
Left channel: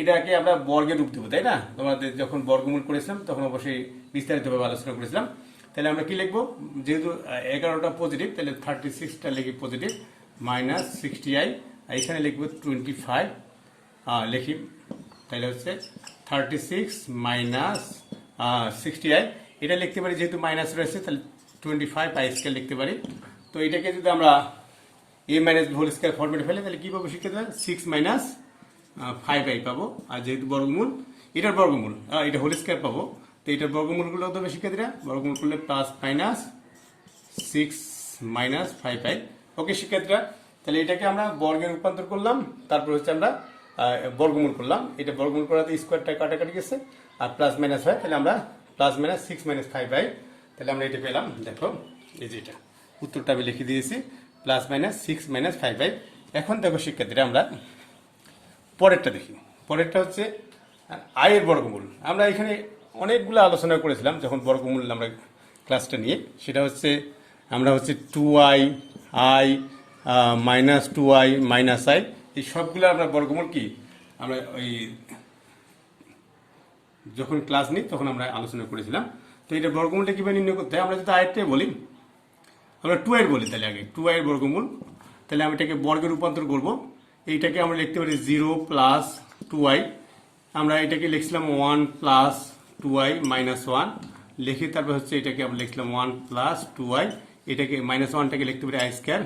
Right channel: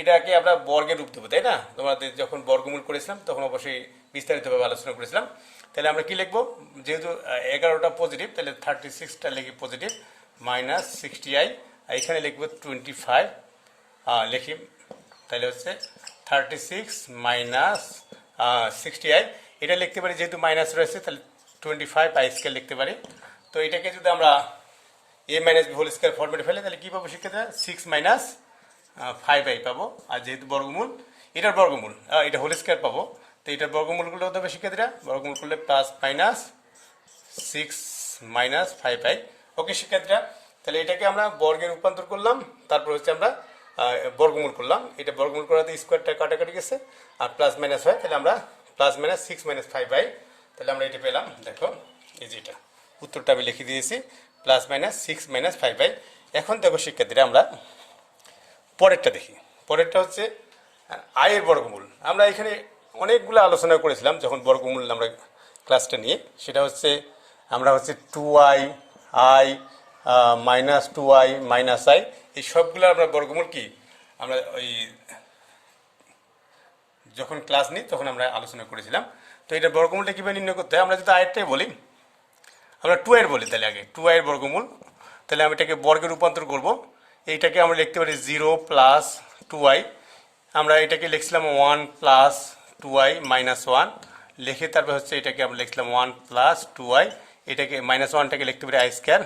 এটাকে আমরা বর্গের রূপ দেবো, তাই না, তোমাদের যখন বর্গমূল করেছিলাম তখন অবশ্যই বিস্তারিতভাবে আলোচনা করেছিলাম। তাহলে আমরা কি লিখবো, যেহেতু 11টা পজিটিভ তাহলে 36টা লিখি পজিটিভ -60i, এখানে লিখবো 25 লিখি, তাহলে হচ্ছে 36 - 60i, এটা লিখতে পারি যেহেতু মাইনাস রয়েছে তাহলে 25i স্কয়ার লিখতে পারি। তো এটাকে যদি আমরা a - b হোল স্কয়ার ফরম্যাটে ফেলে তাহলে কি পাবো শিক্ষার্থীরা, 6 - 5i পাবো। আর যেহেতু বর্গমূল, এটার বর্গমূল এটা হোল স্কয়ার পাবো, তো এটার বর্গমূলগুলো হতে হবে শিক্ষার্থীরা, বর্গমূল করলে +-6 - 5i। ওকে শিক্ষার্থীরা, তাহলে এটাকে আমরা বর্গে রূপান্তর করলাম, তারপর হচ্ছে আমরা বর্গমূল করলাম। এটা বর্গমূল করাতে স্কোয়ারটা কাটাকাটি গেছে আর প্লাস মাইনাস হয়, তাহলে আমরা +-6 - 5i, তাহলে আমরা এটা পেলাম। দেখো এই যে এটা উত্তরটা আমি লিখে দিয়েছি, +-6 - 5i। এখন দেখো শিক্ষার্থীরা আমরা পরেরটা দেখি। পরেরটা হচ্ছে আয়ের বর্গমূল। আমরা এখানে অনেকগুলো আলোচনা করেছিলাম যখন বর্গমূল আমরা ক্লাসটা নিয়ে, সেটা হচ্ছে আমরা হচ্ছে 2i i -2i - i, এই সবগুলো আমরা বর্গমূল কি আমরা ওই যখন ক্লাস নিই তখন আমরা আলোচনা করেছিলাম। তো এটা বর্গমূলটা কীভাবে নির্ণয় করতে হয়, আমরা যদি আয়েরটাই বলি, আমরা 2i বলি, তাহলে আগে 2i এর বর্গমূল, তাহলে আমি এটাকে বর্গে রূপান্তর করব। এইটাকে আমরা লিখতে পারি 0 + 2i আমরা এটাকে লিখছিলাম 1 প্লাস 2i মাইনাস 1 লিখে তারপর হচ্ছে এটাকে আমরা লিখছিলাম 1 প্লাস 2i, এটাকে মাইনাস 1টাকে লিখতে পারি আই স্কোয়ার,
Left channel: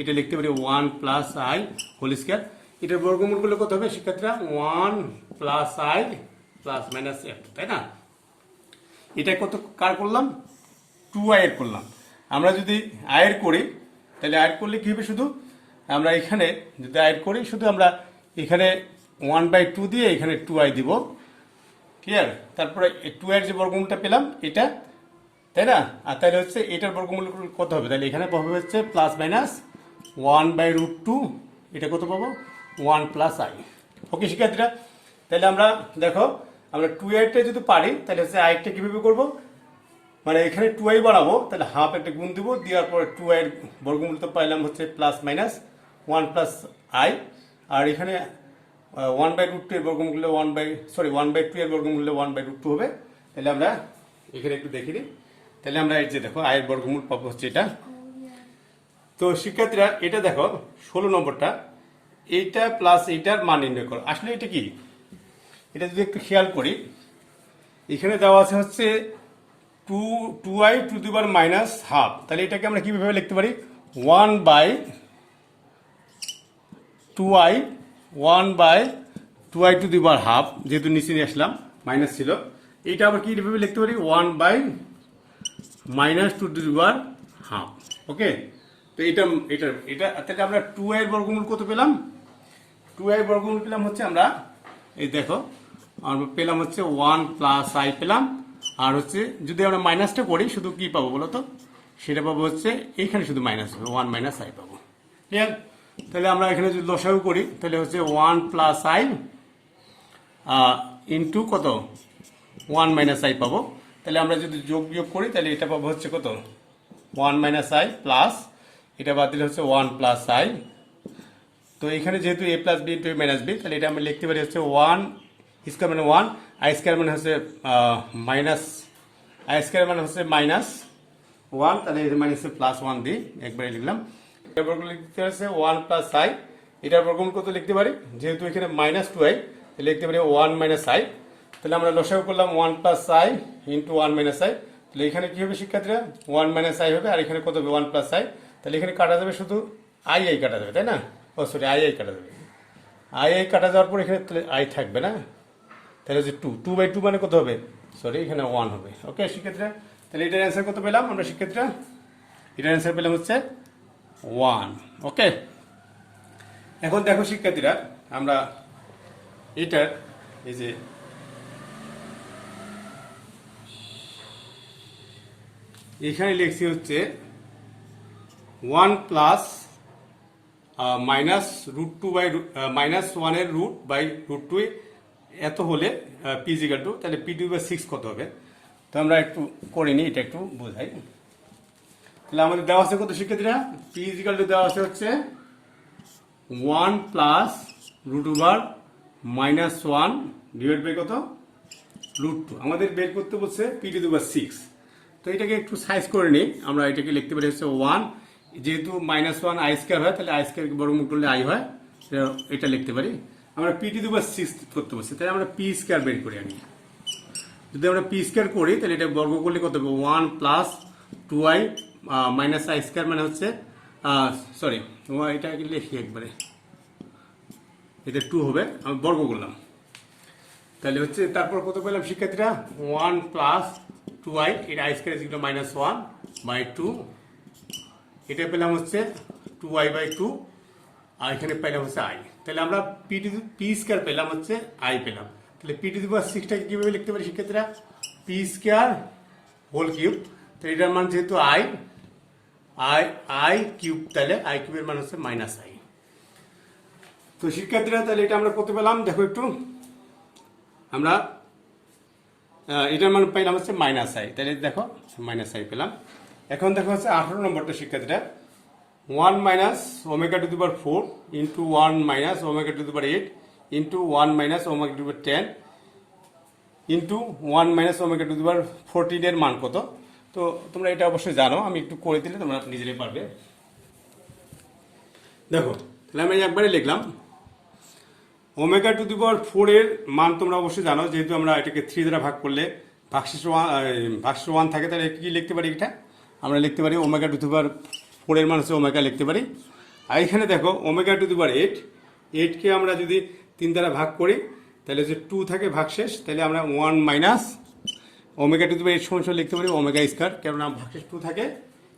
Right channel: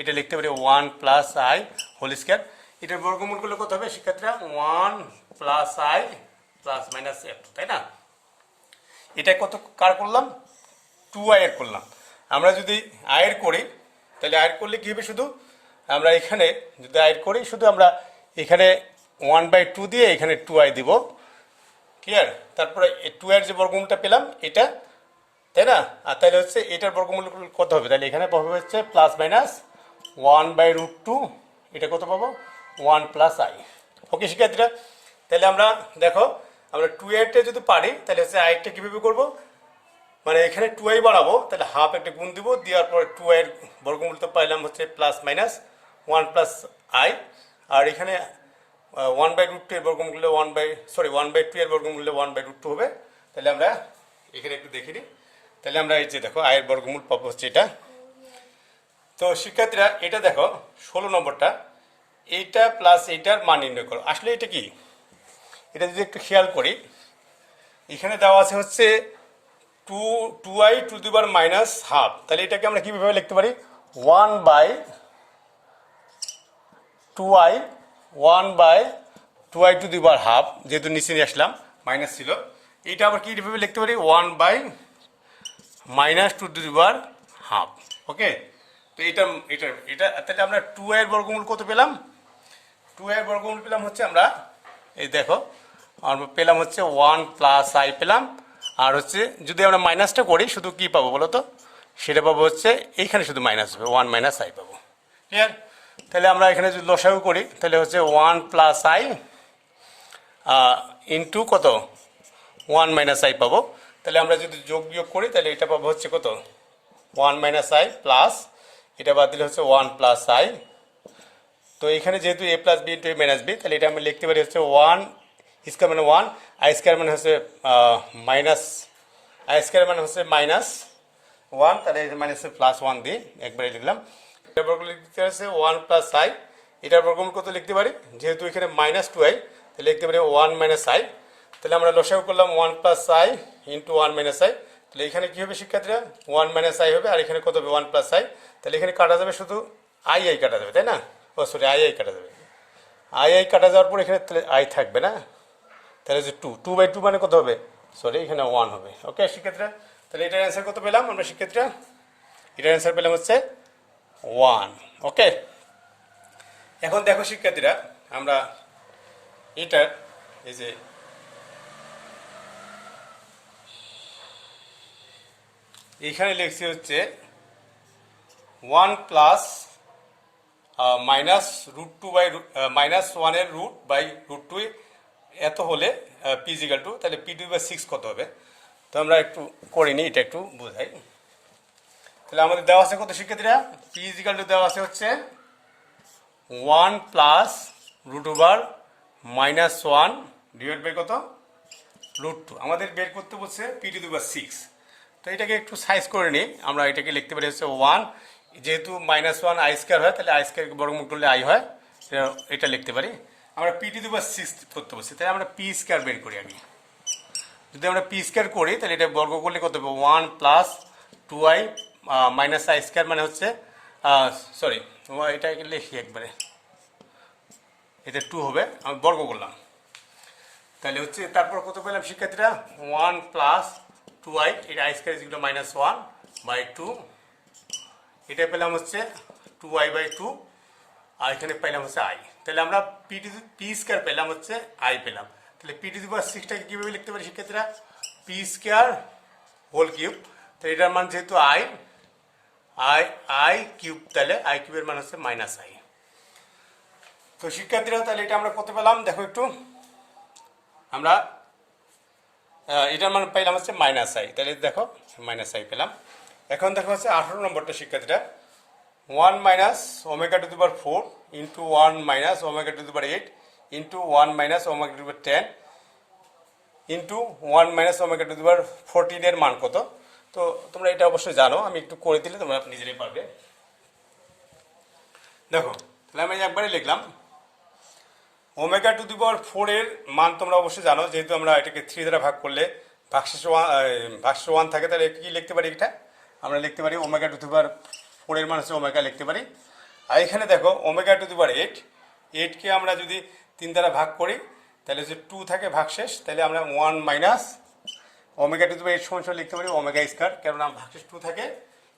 এটা লিখতে পারি 1 প্লাস আই হোল স্কোয়ার। এটার বর্গমূলগুলো কত হবে শিক্ষার্থীরা? 1 plus I plus minus F, তাই না? এটা কত কার করলাম? 2i এর করলাম। আমরা যদি আয়ের করি তাহলে আয়ের করলে কী হবে? শুধু আমরা এখানে যদি আয়ের করি শুধু আমরা এখানে 1/2 দিয়ে এখানে 2i দিব, ক্লিয়ার? তারপরে 2 এর যে বর্গমূলটা পেলাম এটা, তাই না? আর তাহলে হচ্ছে এটার বর্গমূল কত হবে? তাহলে এখানে পাবো হচ্ছে প্লাস মাইনাস 1/√2, এটা কত পাবো? 1 প্লাস আই। ওকে শিক্ষার্থীরা, তাহলে আমরা দেখো আমরা 2i-টা যদি পারি তাহলে হচ্ছে আইটা কীভাবে করবো? মানে এখানে 2i বাড়াবো, তাহলে হাফ একটা গুণ দিব, দেওয়ার পরে 2i এর বর্গমূল তো পাইলাম হচ্ছে প্লাস মাইনাস 1 প্লাস আই, আর এখানে 1/√2 এর বর্গমূল 1/2 এর বর্গমূল 1/√2 হবে। তাহলে আমরা এখানে একটু দেখে নিই। তাহলে আমরা এই যে দেখো আয়ের বর্গমূল পাবো হচ্ছে এটা। তো শিক্ষার্থীরা এটা দেখো 16 নম্বরটা, এইটা প্লাস এইটার মান নির্ণয় করো। আসলে এটা কি? এটা যদি একটু খেয়াল করি, এখানে দেওয়া আছে হচ্ছে 2i two the power minus half. তাহলে এটাকে আমরা কীভাবে লিখতে পারি? 1/2i two the power half, যেহেতু নিচে নিয়ে আসলাম মাইনাস ছিল। এইটা আবার কীভাবে লিখতে পারি? 1/-2 টু দি পাওয়ার হাফ। ওকে, তো এটা তাহলে আমরা 2i এর বর্গমূল কত পেলাম? 2i এর বর্গমূল পেলাম হচ্ছে আমরা এই দেখো আমরা পেলাম হচ্ছে 1 প্লাস আই পেলাম, আর হচ্ছে যদি আমরা মাইনাসটা করি শুধু কি পাবো বলো তো? সেটা পাবো হচ্ছে এইখানে শুধু মাইনাস হবে, 1 মাইনাস আই পাবো, ক্লিয়ার? তাহলে আমরা এখানে যদি লসাগু করি তাহলে হচ্ছে 1 প্লাস আই ইন্টু কত? 1 মাইনাস আই পাবো। তাহলে আমরা যদি যোগ বিয়োগ করি তাহলে এটা পাবো হচ্ছে কত? 1 মাইনাস আই প্লাস এটা বাদ দিলে হচ্ছে 1 প্লাস আই। তো এখানে যেহেতু এ plus b into a minus b, তাহলে এটা আমরা লিখতে পারি হচ্ছে 1 স্কোয়ার মানে 1, আই স্কোয়ার মানে হচ্ছে মাইনাস, আই স্কোয়ার মানে হচ্ছে মাইনাস 1, তাহলে এটা মাইনাস প্লাস 1 দিয়ে একবারে লিখলাম। এটার বর্গমূল লিখতে হচ্ছে 1 প্লাস আই, এটার বর্গমূল কত লিখতে পারি? যেহেতু এখানে মাইনাস 2i তাহলে লিখতে পারি 1 মাইনাস আই। তাহলে আমরা লসাগু করলাম 1 plus I into 1 minus I. তাহলে এখানে কী হবে শিক্ষার্থীরা? 1 মাইনাস আই হবে, আর এখানে কত হবে? 1 প্লাস আই। তাহলে এখানে কাটা যাবে শুধু আই কাটা যাবে, তাই না? ও সরি, আই কাটা যাবে। আই কাটা যাওয়ার পর এখানে তাহলে আই থাকবে না, তাহলে যে 2/2 মানে কত হবে? সরি, এখানে 1 হবে। ওকে শিক্ষার্থীরা, তাহলে এটার অ্যান্সার কত পেলাম আমরা শিক্ষার্থীরা? এটার অ্যান্সার পেলাম হচ্ছে 1। ওকে, এখন দেখো শিক্ষার্থীরা আমরা এটার এই যে এখানে লিখছি হচ্ছে 1 প্লাস -√2/-1 এর √2 এত হলে p=2, তাহলে p2/6 কত হবে? তো আমরা একটু করে নিই, এটা একটু বোঝাই। তাহলে আমাদের দেওয়া আছে কত শিক্ষার্থীরা? p= দেওয়া আছে হচ্ছে 1 প্লাস √1 ডিভাইড বাই কত? √2। আমাদের বের করতে বলছে p2/6। তো এটাকে একটু সাইজ করে নিই, আমরা এটাকে লিখতে পারি হচ্ছে 1, যেহেতু -1 আই স্কোয়ার হয় তাহলে আই স্কোয়ার বর্গমূল করলে আই হয়, এটা লিখতে পারি। আমরা p2/6 করতে বলছি, তাই আমরা p স্কোয়ার বের করি আগে। যদি আমরা p স্কোয়ার করি তাহলে এটা বর্গ করলে কত হবে? 1 plus 2i minus i square মানে হচ্ছে সরি, এটা লিখি একবারে, এটা 2 হবে, আমি বর্গ করলাম। তাহলে হচ্ছে তারপর কত পেলাম শিক্ষার্থীরা? 1 প্লাস 2i, এটা আই স্কোয়ার ইকুয়াল -1/2, এটা পেলাম হচ্ছে 2i/2, আর এখানে পেলাম হচ্ছে আই। তাহলে আমরা p স্কোয়ার পেলাম হচ্ছে আই পেলাম। তাহলে p2/6টাকে কীভাবে লিখতে পারি শিক্ষার্থীরা? p square whole cube. তো এটার মান যেহেতু আই কিউব, তাহলে আই কিউবের মান হচ্ছে -i। তো শিক্ষার্থীরা তাহলে এটা আমরা করতে পেলাম, দেখো একটু আমরা এটার মান পাইলাম হচ্ছে -i, তাহলে দেখো -i পেলাম। এখন দেখো হচ্ছে 18 নম্বরটা শিক্ষার্থীরা, 1 minus omega to the power 4 into 1 minus omega to the power 8 into 1 minus omega to the power 10 into 1 minus omega to the power 14 এর মান কত? তো তোমরা এটা অবশ্যই জানো, আমি একটু করে দিলে তোমরা নিজেরাই পারবে। দেখো তাহলে আমি একবারে লিখলাম ওমেগা টু দি পাওয়ার 4 এর মান তোমরা অবশ্যই জানো, যেহেতু আমরা এটাকে 3 দ্বারা ভাগ করলে ভাগশেষ 1 থাকে, তাহলে কি লিখতে পারি? এটা আমরা লিখতে পারি ওমেগা টু দি পাওয়ার 4 এর মান হচ্ছে ওমেগা লিখতে পারি। আর এখানে দেখো ওমেগা টু দি পাওয়ার 8কে আমরা যদি 3 দ্বারা ভাগ করি তাহলে যদি 2 থাকে ভাগশেষ, তাহলে আমরা 1 minus omega to the power 8 সমান লিখতে পারি ওমেগা স্কয়ার, কারণ ভাগশেষ 2 থাকে,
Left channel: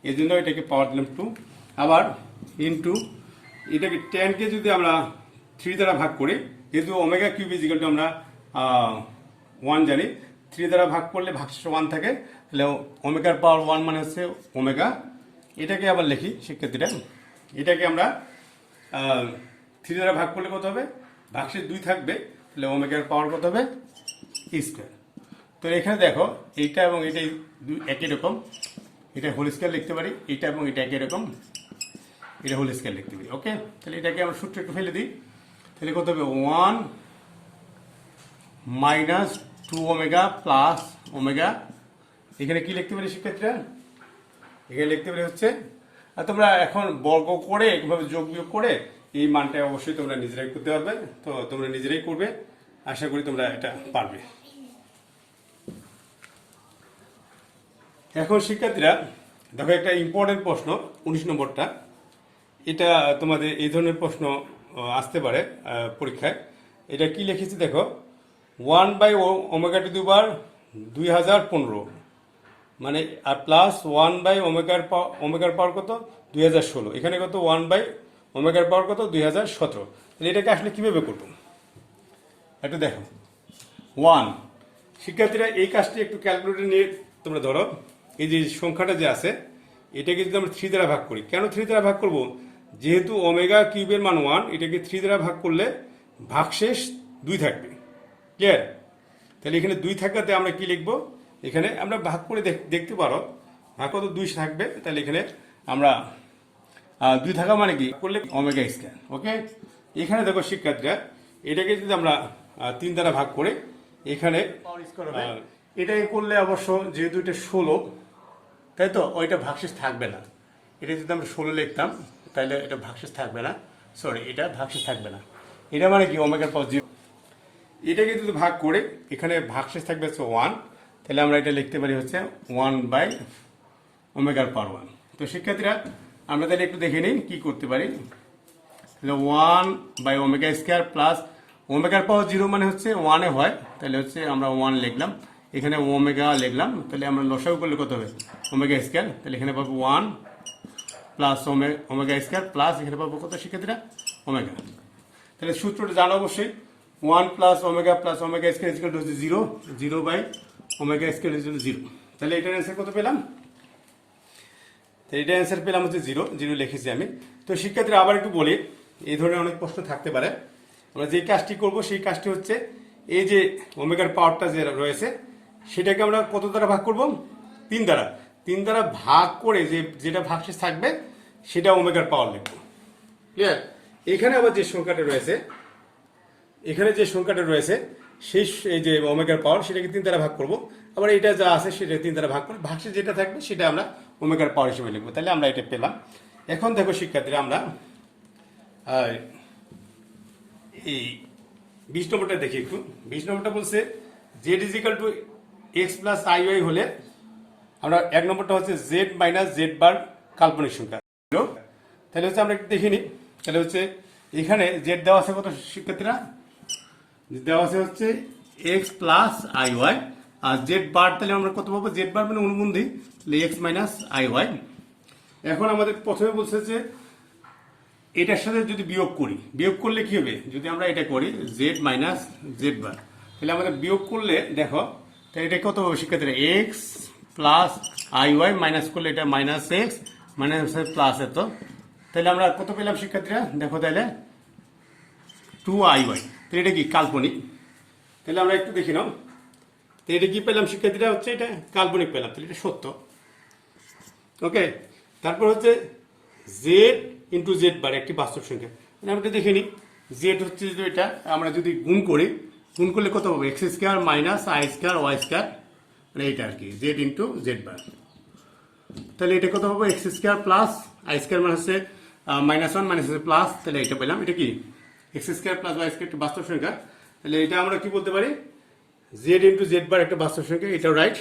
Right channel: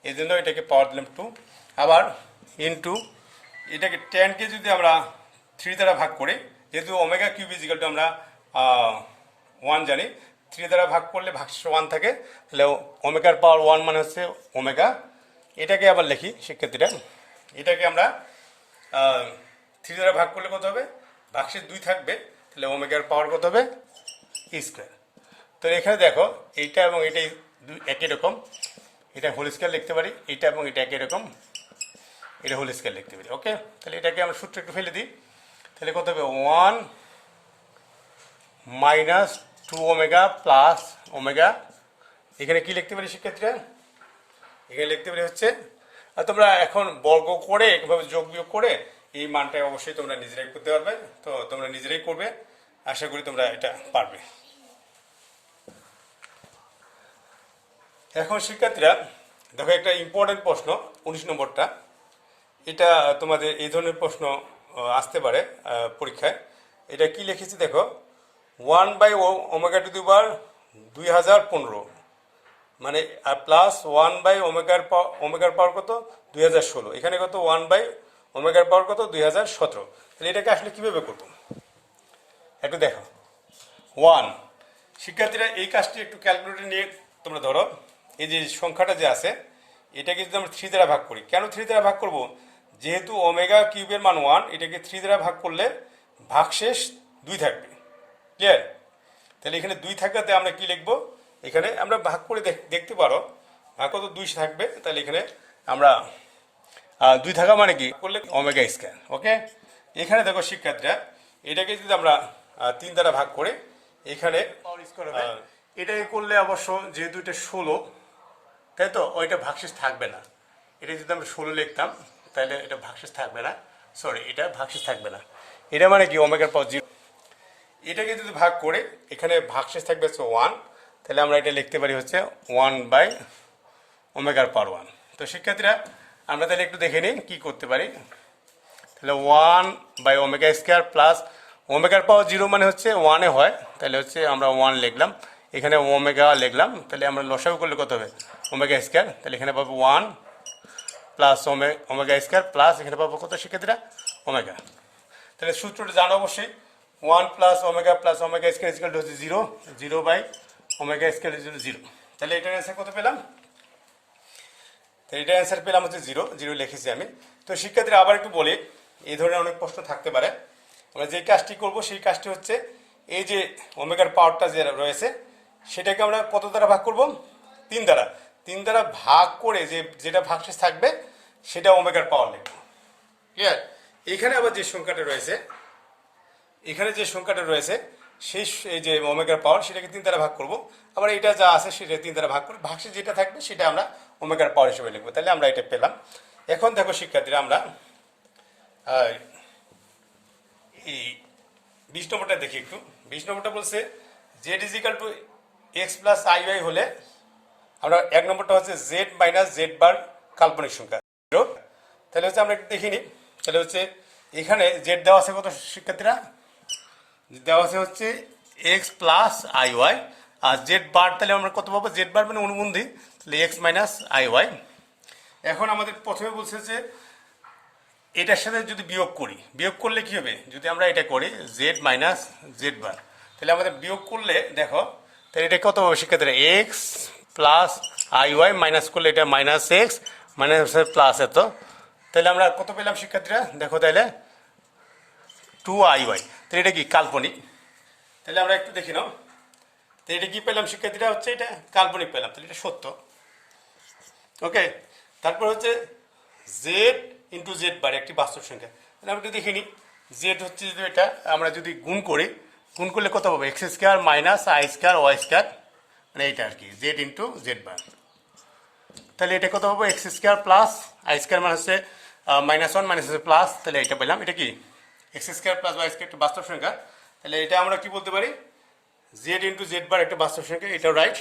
এই জন্য এটাকে পাওয়ার দিলাম 2। আবার ইনটু এটাকে 10কে যদি আমরা 3 দ্বারা ভাগ করি, যেহেতু omega cube is equal two আমরা 1 জানি, 3 দ্বারা ভাগ করলে ভাগশেষ 1 থাকে, তাহলে ওমেগার পাওয়ার 1 মানে হচ্ছে ওমেগা। এটাকে আবার লিখি শিক্ষার্থীরা, এটাকে আমরা 3 দ্বারা ভাগ করলে কত হবে? ভাগশেষ 2 থাকবে, তাহলে ওমেগার পাওয়ার কত হবে? স্কয়ার। তো এখানে দেখো এইটা এবং এটা একই রকম, এটা হোল স্কয়ার লিখতে পারি, এটা এবং এটা একই রকম, এটা হোল স্কয়ার লিখতে পারি। ওকে, তাহলে এটাকে আমরা সূত্র একটু ফেলে দিই, তাহলে কত হবে? 1 মাইনাস 2 ওমেগা প্লাস ওমেগা। এখানে কি লিখতে পারি শিক্ষার্থীরা? এখানে লিখতে পারি হচ্ছে, আর তোমরা এখন বর্গ করে এইভাবে যোগ বিয়োগ করে এই মানটা অবশ্যই তোমরা নিজেরাই করতে পারবে। তো তোমরা নিজেরাই করবে, আশা করি তোমরা এটা পারবে। এখন শিক্ষার্থীরা দেখো একটা ইম্পর্টেন্ট প্রশ্ন 19 নম্বরটা, এটা তোমাদের এই ধরনের প্রশ্ন আসতে পারে পরীক্ষায়। এটা কি লিখেছি দেখো, 1 বাই ওমেগা টু দি পাওয়ার 2015 মানে আর প্লাস 1 বাই ওমেগার পাওয়ার কত? 2016। এখানে কত? 1 বাই ওমেগার পাওয়ার কত? 2017। তাহলে এটাকে আসলে কিভাবে করবো একটু দেখো। 1 শিক্ষার্থীরা এই কাজটি একটু ক্যালকুলেটর নিয়ে তোমরা ধরো, এই যে সংখ্যাটা যে আছে এটাকে যদি আমরা 3 দ্বারা ভাগ করি, কেন 3 দ্বারা ভাগ করব? যেহেতু ওমেগা কিউবের মান 1, এটাকে 3 দ্বারা ভাগ করলে ভাগশেষ 2 থাকবে। ক্লিয়ার? তাহলে এখানে 2 থাকাতে আমরা কি লিখবো? এখানে আমরা ভাগ করে দেখতে পারো ভাগ কত? 2 থাকবে। তাহলে এখানে আমরা 2 থাকা মানে কি করলে ওমেগা স্কয়ার। ওকে, এখানে দেখো শিক্ষার্থীরা এটাকে যদি আমরা 3 দ্বারা ভাগ করে এখানে এটাকে করলে অবশ্য যেহেতু এটা 16, তাই তো ওইটা ভাগশেষ থাকবে না। এটা যদি আমরা 16 লিখতাম তাহলে এটা ভাগশেষ থাকবে না, সরি এটা ভাগশেষ থাকবে না। এটা মানে কি ওমেগার পাওয়ার 0। এটাকে যদি ভাগ করে এখানে ভাগশেষ থাকবে হচ্ছে 1, তাহলে আমরা এটা লিখতে পারি হচ্ছে 1 বাই ওমেগার পাওয়ার 1। তো শিক্ষার্থীরা আমরা তাহলে একটু দেখে নিই কি করতে পারি। তাহলে 1 বাই ওমেগা স্কয়ার প্লাস ওমেগার পাওয়ার 0 মানে হচ্ছে 1 এ হয়, তাহলে হচ্ছে আমরা 1 লিখলাম, এখানে ওমেগা লিখলাম, তাহলে আমরা লসাগু করলে কত হবে? Omega square. তাহলে এখানে পাবো 1 প্লাস ওমেগা স্কয়ার প্লাস এখানে পাবো কত শিক্ষার্থীরা? ওমেগা। তাহলে সূত্রটা জানো অবশ্যই, 1 plus omega square equal to হচ্ছে 0, 0 by omega square equal to 0। তাহলে এটার অ্যান্সার কত পেলাম? তো এটার অ্যান্সার পেলাম হচ্ছে 0, 0 লিখেছি আমি। তো শিক্ষার্থীরা আবার একটু বলি, এই ধরনের অনেক প্রশ্ন থাকতে পারে। আমরা যে কাজটি করব সেই কাজটি হচ্ছে এই যে ওমেগার পাওয়ারটা যে রয়েছে সেটাকে আমরা কত দ্বারা ভাগ করব? 3 দ্বারা। 3 দ্বারা ভাগ করে যেটা ভাগশেষ থাকবে সেটা ওমেগার পাওয়ার লিখব। ক্লিয়ার? এখানে আবার যে সংখ্যাটা রয়েছে সেই এই যে ওমেগার পাওয়ার সেটাকে 3 দ্বারা ভাগ করব। আবার এটা যা আছে সেটা 3 দ্বারা ভাগ করে ভাগশেষ যেটা থাকবে সেটা আমরা ওমেগার পাওয়ার হিসেবে লিখবো। তাহলে আমরা এটা পেলাম। এখন দেখো শিক্ষার্থীরা আমরা এই 20 নম্বরটা দেখি একটু। 20 নম্বরটা বলছে z is equal to x plus I y হলে আমরা 1 নম্বরটা হচ্ছে জেড মাইনাস জেড বার কাল্পনিক সংখ্যা। তাহলে হচ্ছে আমরা একটু দেখে নিই। তাহলে হচ্ছে এখানে জেড দেওয়া আছে কত শিক্ষার্থীরা? দেওয়া আছে হচ্ছে এক্স প্লাস আই ওয়াই, আর জেড বার তাহলে আমরা কত পাবো? জেড বার মানে অনুবন্ধী, তাহলে এক্স মাইনাস আই ওয়াই। এখন আমাদের প্রথমে বলছে যে এটার সাথে যদি বিয়োগ করলে কি হবে? যদি আমরা এটা করি জেড মাইনাস জেড বার, তাহলে আমাদের বিয়োগ করলে দেখো তাহলে এটা কত হবে শিক্ষার্থীরা? X plus I y minus করলে এটা মাইনাস এক্স মাইনাস প্লাস এত, তাহলে আমরা কত পেলাম শিক্ষার্থীরা? দেখো তাহলে 2IY। তাহলে এটা কি কাল্পনিক? তাহলে আমরা একটু দেখি নাও, তো এটা কি পেলাম শিক্ষার্থীরা? হচ্ছে এটা কাল্পনিক পেলাম, তাহলে এটা সত্য। ওকে, তারপর হচ্ছে জেড ইন্টু জেড বার একটি বাস্তব সংখ্যা। তাহলে আমরা একটু দেখে নিই, জেড হচ্ছে যদি এটা আমরা যদি গুণ করলে কত হবে? X square minus i square y square, মানে এইটা আর কি জেড ইন্টু জেড বার। তাহলে এটা কত হবে? X square plus I square মানে হচ্ছে -1 মাইনাস হচ্ছে প্লাস, তাহলে এটা পেলাম। এটা কি x square plus y square একটা বাস্তব সংখ্যা, তাহলে এটা আমরা কি বলতে পারি, জেড ইন্টু জেড বার একটা বাস্তব সংখ্যা, এটাও রাইট।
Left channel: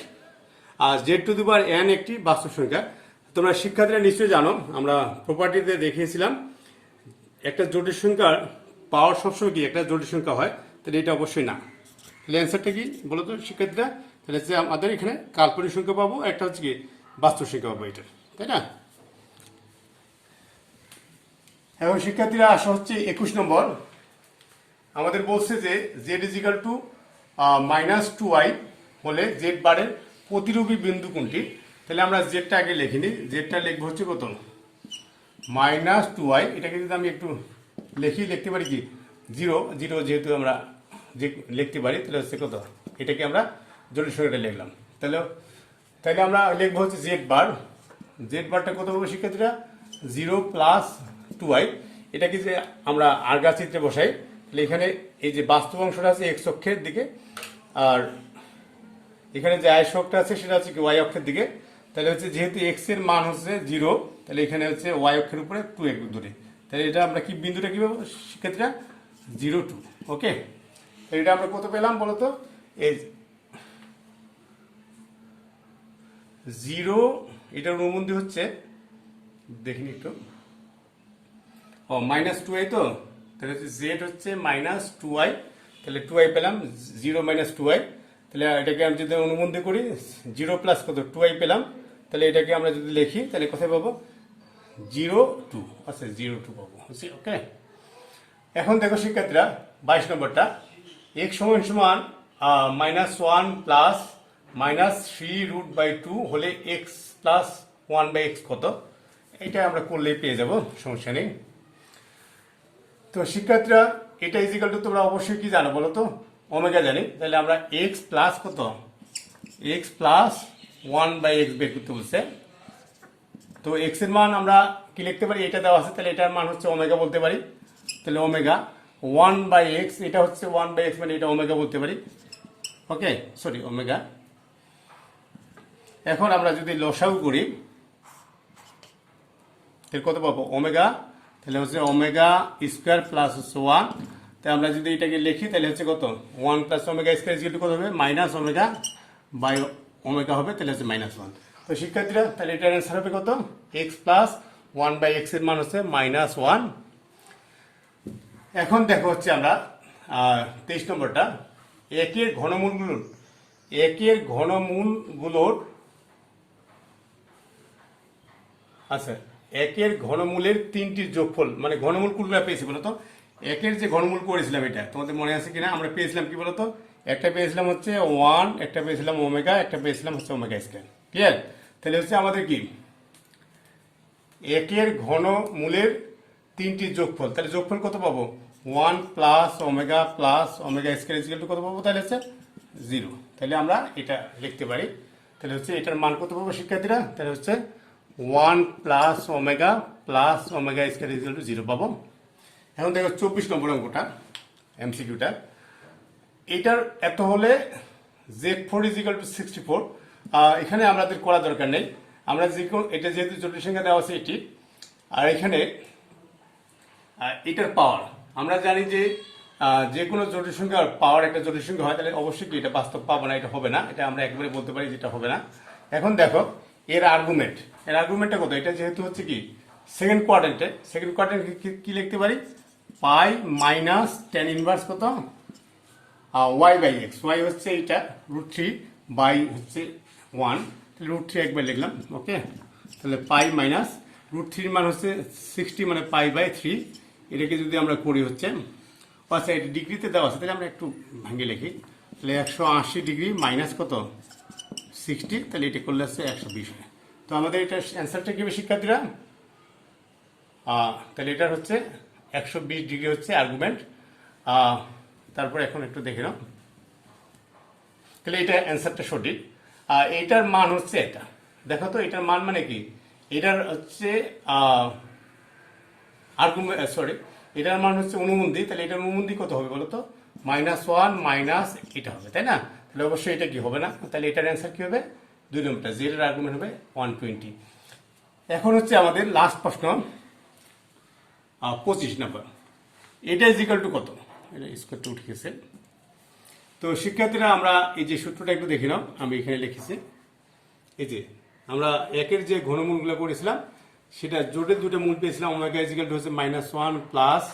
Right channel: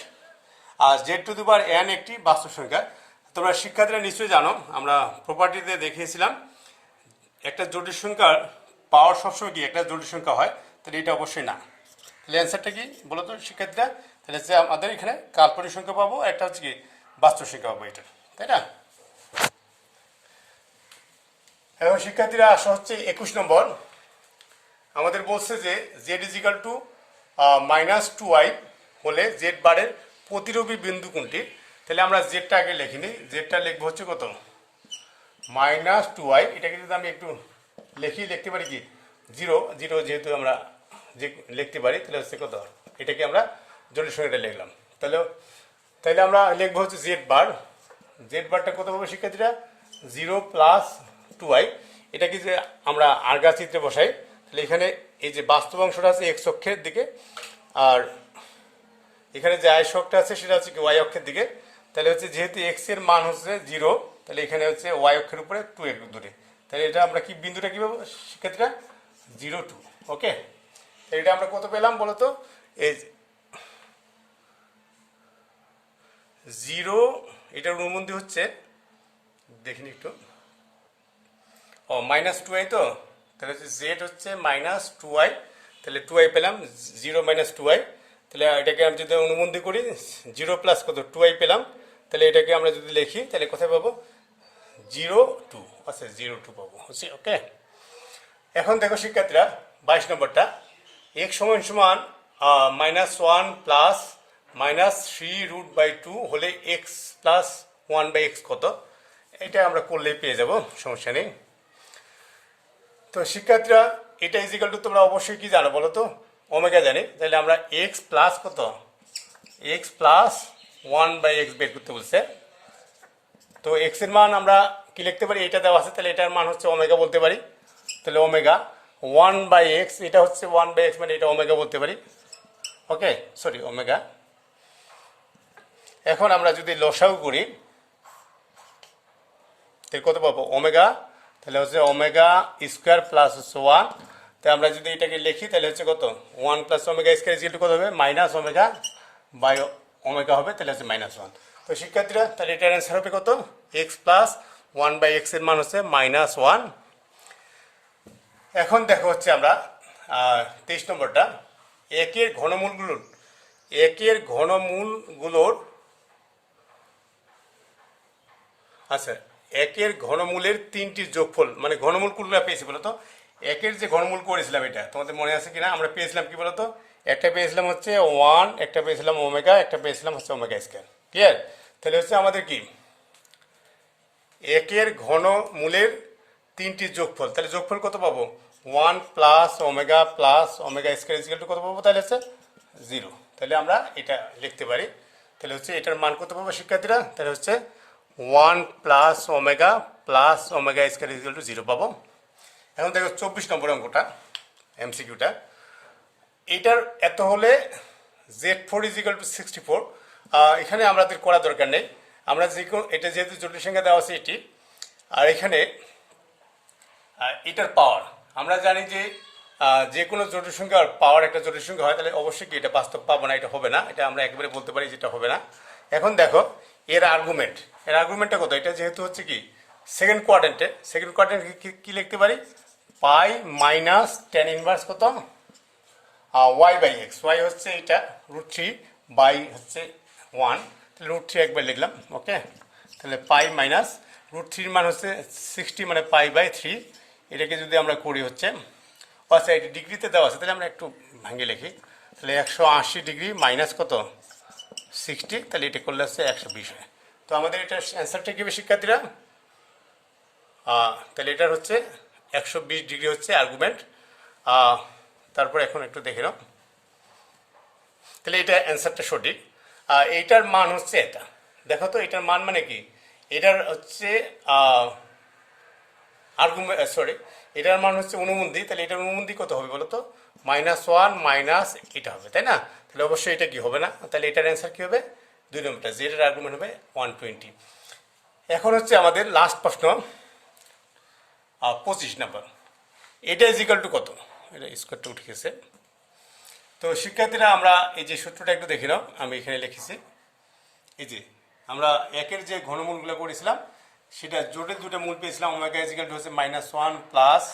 আর z to the power n একটি বাস্তব সংখ্যা। তোমরা শিক্ষার্থীরা নিশ্চয়ই জানো, আমরা প্রপার্টিতে দেখিয়েছিলাম একটা জটিল সংখ্যার পাওয়ার সবসময় কি একটা জটিল সংখ্যা হয়, তাহলে এটা অবশ্যই না। তাহলে অ্যান্সারটা কি বলো তো শিক্ষার্থীরা, তাহলে হচ্ছে আমাদের এখানে কাল্পনিক সংখ্যা পাবো, একটা হচ্ছে কি বাস্তব সংখ্যা পাবো, এটা তাই না। এবং শিক্ষার্থীরা আসা হচ্ছে 21 নম্বর। আমাদের বলছে যে Z is equal two -2y হলে জেড বারের প্রতিরূপী বিন্দু কোনটি। তাহলে আমরা জেডটা আগে লিখিনি, জেডটা লিখবো হচ্ছে কত, -2y। এটাকে যদি আমি একটু লিখতে পারি কি 0 0, যেহেতু আমরা যে লিখতে পারি, তাহলে হচ্ছে কত, এটাকে আমরা জটিল সংখ্যাটা লিখলাম। তাহলে আমরা লিখবো হচ্ছে জেড বার। জেড বারটা কত পাবো শিক্ষার্থীরা, 0 + 2y। এটাকে যে আমরা আর্গা চিত্রে বসাই, তাহলে এখানে এই যে বাস্তব অংশটা আছে এক্স অক্ষের দিকে, আর এখানে যে আয়স অক্ষটা আছে সেটা হচ্ছে কি ওয়াই অক্ষের দিকে। তাহলে হচ্ছে যেহেতু এক্স এর মান হচ্ছে 0, তাহলে এখানে হচ্ছে ওয়াই অক্ষের উপরে 2 একটু দূরে, তাহলে এটা আমরা কি বিন্দুটা কি পাবো শিক্ষার্থীরা, 0 2। ওকে, তাহলে এটা আমরা কত পেলাম বলতো, এই 0, এটার অনুবন্ধী হচ্ছে দেখিনি একটু, -2y তো, তাহলে হচ্ছে জেড হচ্ছে -2y, তাহলে 2y পেলাম, 0 - 2y। তাহলে এটাকে আমি যদি অনুবন্ধী করি 0 + কত 2y পেলাম, তাহলে এটাকে আমরা যদি লিখি তাহলে কোথায় পাবো, 0 2, আচ্ছা 0 2 পাবো। ওকে, এখন দেখো শিক্ষার্থীরা 22 নম্বরটা, x = -1 + -3√2 হলে x + 1/x কত। এটা আমরা করলেই পেয়ে যাব, সমস্যা নেই। তো শিক্ষার্থীরা এটা ইজিক্যাল টু তোমরা অবশ্যই কি জানো বলো তো, ওমেগা জানি। তাহলে আমরা x প্লাস কত, x + 1/x বের করতে বলছে। তো x এর মান আমরা কি লিখতে পারি, এটা দেওয়া আছে, তাহলে এটার মান হচ্ছে ওমেগা বলতে পারি। তাহলে ওমেগা 1/x, এটা হচ্ছে 1/x, মানে এটা ওমেগা বলতে পারি। ওকে, সরি ওমেগা। এখন আমরা যদি লসাগু করি তাহলে কত পাবো, ওমেগা, তাহলে হচ্ছে ওমেগা স্কোয়ার প্লাস হচ্ছে 1। তাই আমরা যদি এটাকে লিখি তাহলে হচ্ছে কত, 1 + ওমেগা স্কোয়ার ইকুয়াল টু কত হবে, -ওমেগা/ওমেগা হবে, তাহলে হচ্ছে -1। তো শিক্ষার্থীরা তাহলে এটার অ্যান্সার হবে কত, x + 1/x এর মান হচ্ছে -1। এখন দেখো হচ্ছে আমরা 23 নম্বরটা, একের ঘনমূলগুলোর আচ্ছা একের ঘনমূলের 3টির যোগফল, মানে ঘনমূল কোনগুলো পেয়েছি বলতো, একের যে ঘনমূল করেছিলাম এটা তোমাদের মনে আছে কিনা, আমরা পেয়েছিলাম কি বলতো, একটা পেয়েছিলাম হচ্ছে 1, একটা পেয়েছিলাম ওমেগা, একটা পেয়েছিলাম হচ্ছে ওমেগা স্কয়ার। ক্লিয়ার, তাহলে হচ্ছে আমাদের কি একের ঘনমূলের 3টির যোগফল, তাহলে যোগফল কত পাবো, 1 + omega + omega square equal two কত পাবো, তাহলে হচ্ছে 0। তাহলে আমরা এটা লিখতে পারি, তাহলে হচ্ছে এটার মান কত পাবো শিক্ষার্থীরা, তাহলে হচ্ছে 1 + omega + omega square equal to 0 পাবো। এখন দেখো 24 নম্বর অঙ্কটা, এমসিকিউটা, এটার এত হলে Z4 = 64। এখানে আমাদের করা দরকার নেই, আমরা এটা যেহেতু জটিল সংখ্যা দেওয়া আছে এটি, আর এখানে এটার পাওয়ার আমরা জানি যে যে কোনো জটিল সংখ্যার পাওয়ার একটা জটিল সংখ্যা হয়, তাহলে অবশ্যই কি এটা বাস্তব পাবো না, এটা হবে না, এটা আমরা একবারে বলতে পারি যেটা হবে না। এখন দেখো এর আর্গুমেন্টটা কত, এটা যেহেতু হচ্ছে কি সেকেন্ড কোয়াড্রেন্টে কি লিখতে পারি, পাই মাইনাস tan ইনভার্স কত y/x, y হচ্ছে এটা √3 বাই হচ্ছে 1, তাহলে √3 একবার লিখলাম। ওকে, তাহলে পাই মাইনাস √3 মান হচ্ছে 60, মানে পাই/3। এটাকে যদি আমরা করি হচ্ছে, আচ্ছা এটা ডিগ্রিতে দেওয়া আছে, তাহলে আমরা একটু ভেঙে লিখি, তাহলে 180 ডিগ্রি মাইনাস কত 60, তাহলে এটা করলে হচ্ছে 120 হয়। তো আমাদের এটার অ্যান্সারটা কি হবে শিক্ষার্থীরা, তাহলে এটার হচ্ছে 120 ডিগ্রি হচ্ছে আর্গুমেন্ট। তারপর এখন একটু দেখে নাও, তাহলে এটা অ্যান্সারটা সঠিক। এইটার মান হচ্ছে এটা, দেখো তো এটার মান মানে কি, এটার হচ্ছে আর্গুমেন্ট, সরি এটার মান হচ্ছে অনুবন্ধী, তাহলে এটার অনুবন্ধী কত হবে বলো তো, -1 মাইনাস এটা হবে, তাই না। তাহলে অবশ্যই এটা কি হবে না, তাহলে এটার অ্যান্সার কি হবে, 2 নম্বরটা, জেড এর আর্গুমেন্ট হবে 120। এখন হচ্ছে আমাদের লাস্ট প্রশ্ন 25 নম্বর। এটা ইজ ইকাল টু কত, এটা স্কোয়ার টু উঠে গেছে। তো শিক্ষার্থীরা আমরা এই যে সূত্রটা একটু দেখে নাও, আমি এখানে লিখেছি। এই যে আমরা একের যে ঘনমূলগুলো করেছিলাম সেটা জোটের দুটো মূল পেয়েছিলাম, ওমেগা ইজ ইকাল টু হচ্ছে -1 প্লাস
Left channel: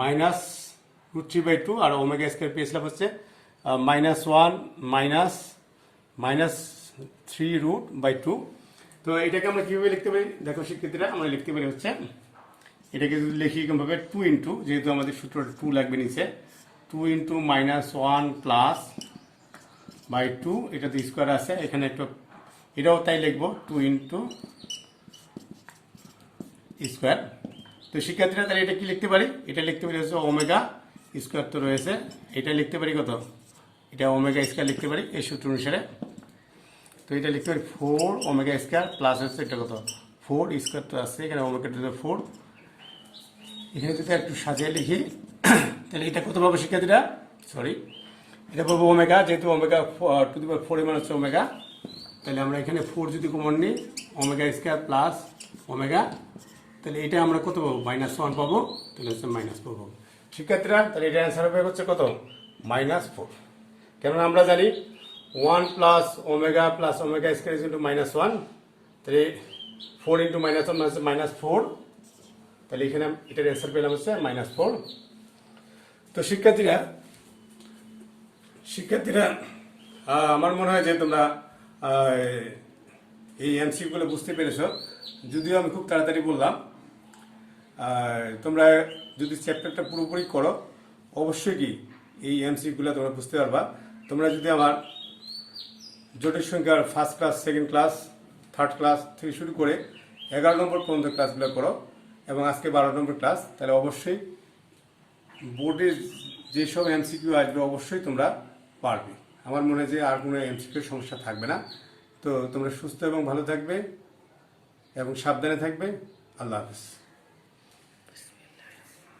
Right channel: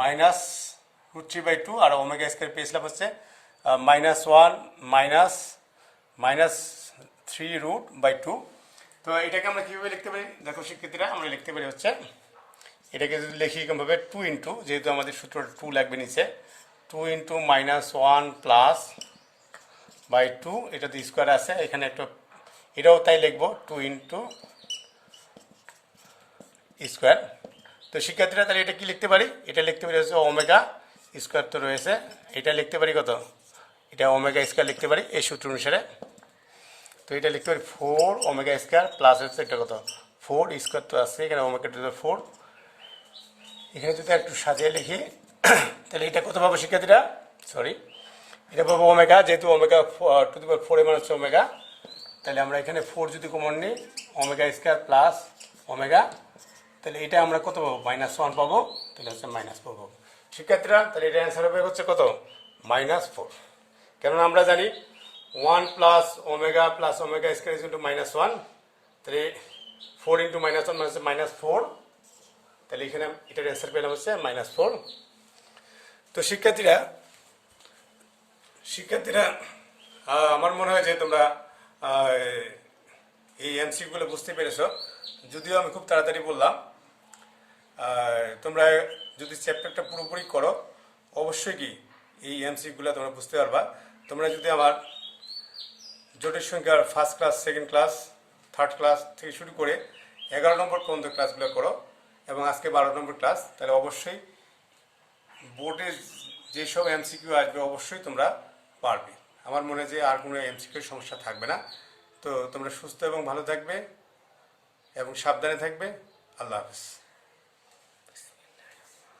-√3/2, আর ওমেগা স্কয়ার পেয়েছিলাম হচ্ছে -1 -3√2। তো এটাকে আমরা কীভাবে লিখতে পারি দেখো শিক্ষার্থীরা, আমরা লিখতে পারি হচ্ছে এটাকে যদি লিখি এরকমভাবে 2 ইন্টু, যেহেতু আমাদের সূত্রটা 2 লাগবে নিচে, 2 ইন্টু -1 প্লাস বাই 2, এটা তো স্কোয়ার আছে এখানে একটু, এটাও তাই লিখবো 2 ইন্টু স্কোয়ার। তো শিক্ষার্থীরা তাহলে এটা কি লিখতে পারি, এটা লিখতে পারি হচ্ছে ওমেগা স্কোয়ার তো রয়েছে, এটা লিখতে পারি কত, এটা ওমেগা স্কোয়ার লিখতে পারি এই সূত্র অনুসারে। তো এটা লিখতে পারি 4 ওমেগা স্কোয়ার প্লাস হচ্ছে এটা কত 4 স্কোয়ার তো আছে এখানে, ওমেগা টু 4, এখানে যদি একটু সাজিয়ে লিখি তাহলে এটা কত পাবো শিক্ষার্থীরা, সরি এটা পাবো ওমেগা, যেহেতু ওমেগা টু দি পাওয়ার 4 এর মান হচ্ছে ওমেগা, তাহলে আমরা এখানে 4 যদি কমন নিই ওমেগা স্কোয়ার প্লাস ওমেগা, তাহলে এটা আমরা কত পাবো -1 পাবো, তাহলে হচ্ছে মাইনাস পাবো শিক্ষার্থীরা। তাহলে এটা অ্যান্সার হবে হচ্ছে কত -4, কেননা আমরা জানি 1 plus omega square is into -1, তাহলে 4 ইন্টু -1 মানে হচ্ছে -4, তাহলে এখানে এটার অ্যান্সার পেলাম হচ্ছে -4। তো শিক্ষার্থীরা আমার মনে হয় যে তোমরা এই এমসিকিউগুলো বুঝতে পেরেছো, যদিও আমি খুব তাড়াতাড়ি বললাম। তোমরা যদি চ্যাপ্টারটা পুরোপুরি করো অবশ্যই কি এই এমসিকিউগুলো তোমরা বুঝতে পারবা। তোমরা যদি আমার জটিল সংখ্যার first class, second class, third class থেকে শুরু করে 11 নম্বর পর্যন্ত ক্লাসগুলো করো এবং আজকে 12 নম্বর ক্লাস, তাহলে অবশ্যই বোর্ডে যেসব এমসিকিউ আসবে অবশ্যই তোমরা পারবে। আমার মনে হয় যে আর কোনো এমসিকিউর সমস্যা থাকবে না। তো তোমরা সুস্থ এবং ভালো থাকবে এবং সাবধানে থাকবে। আল্লাহ হাফিজ।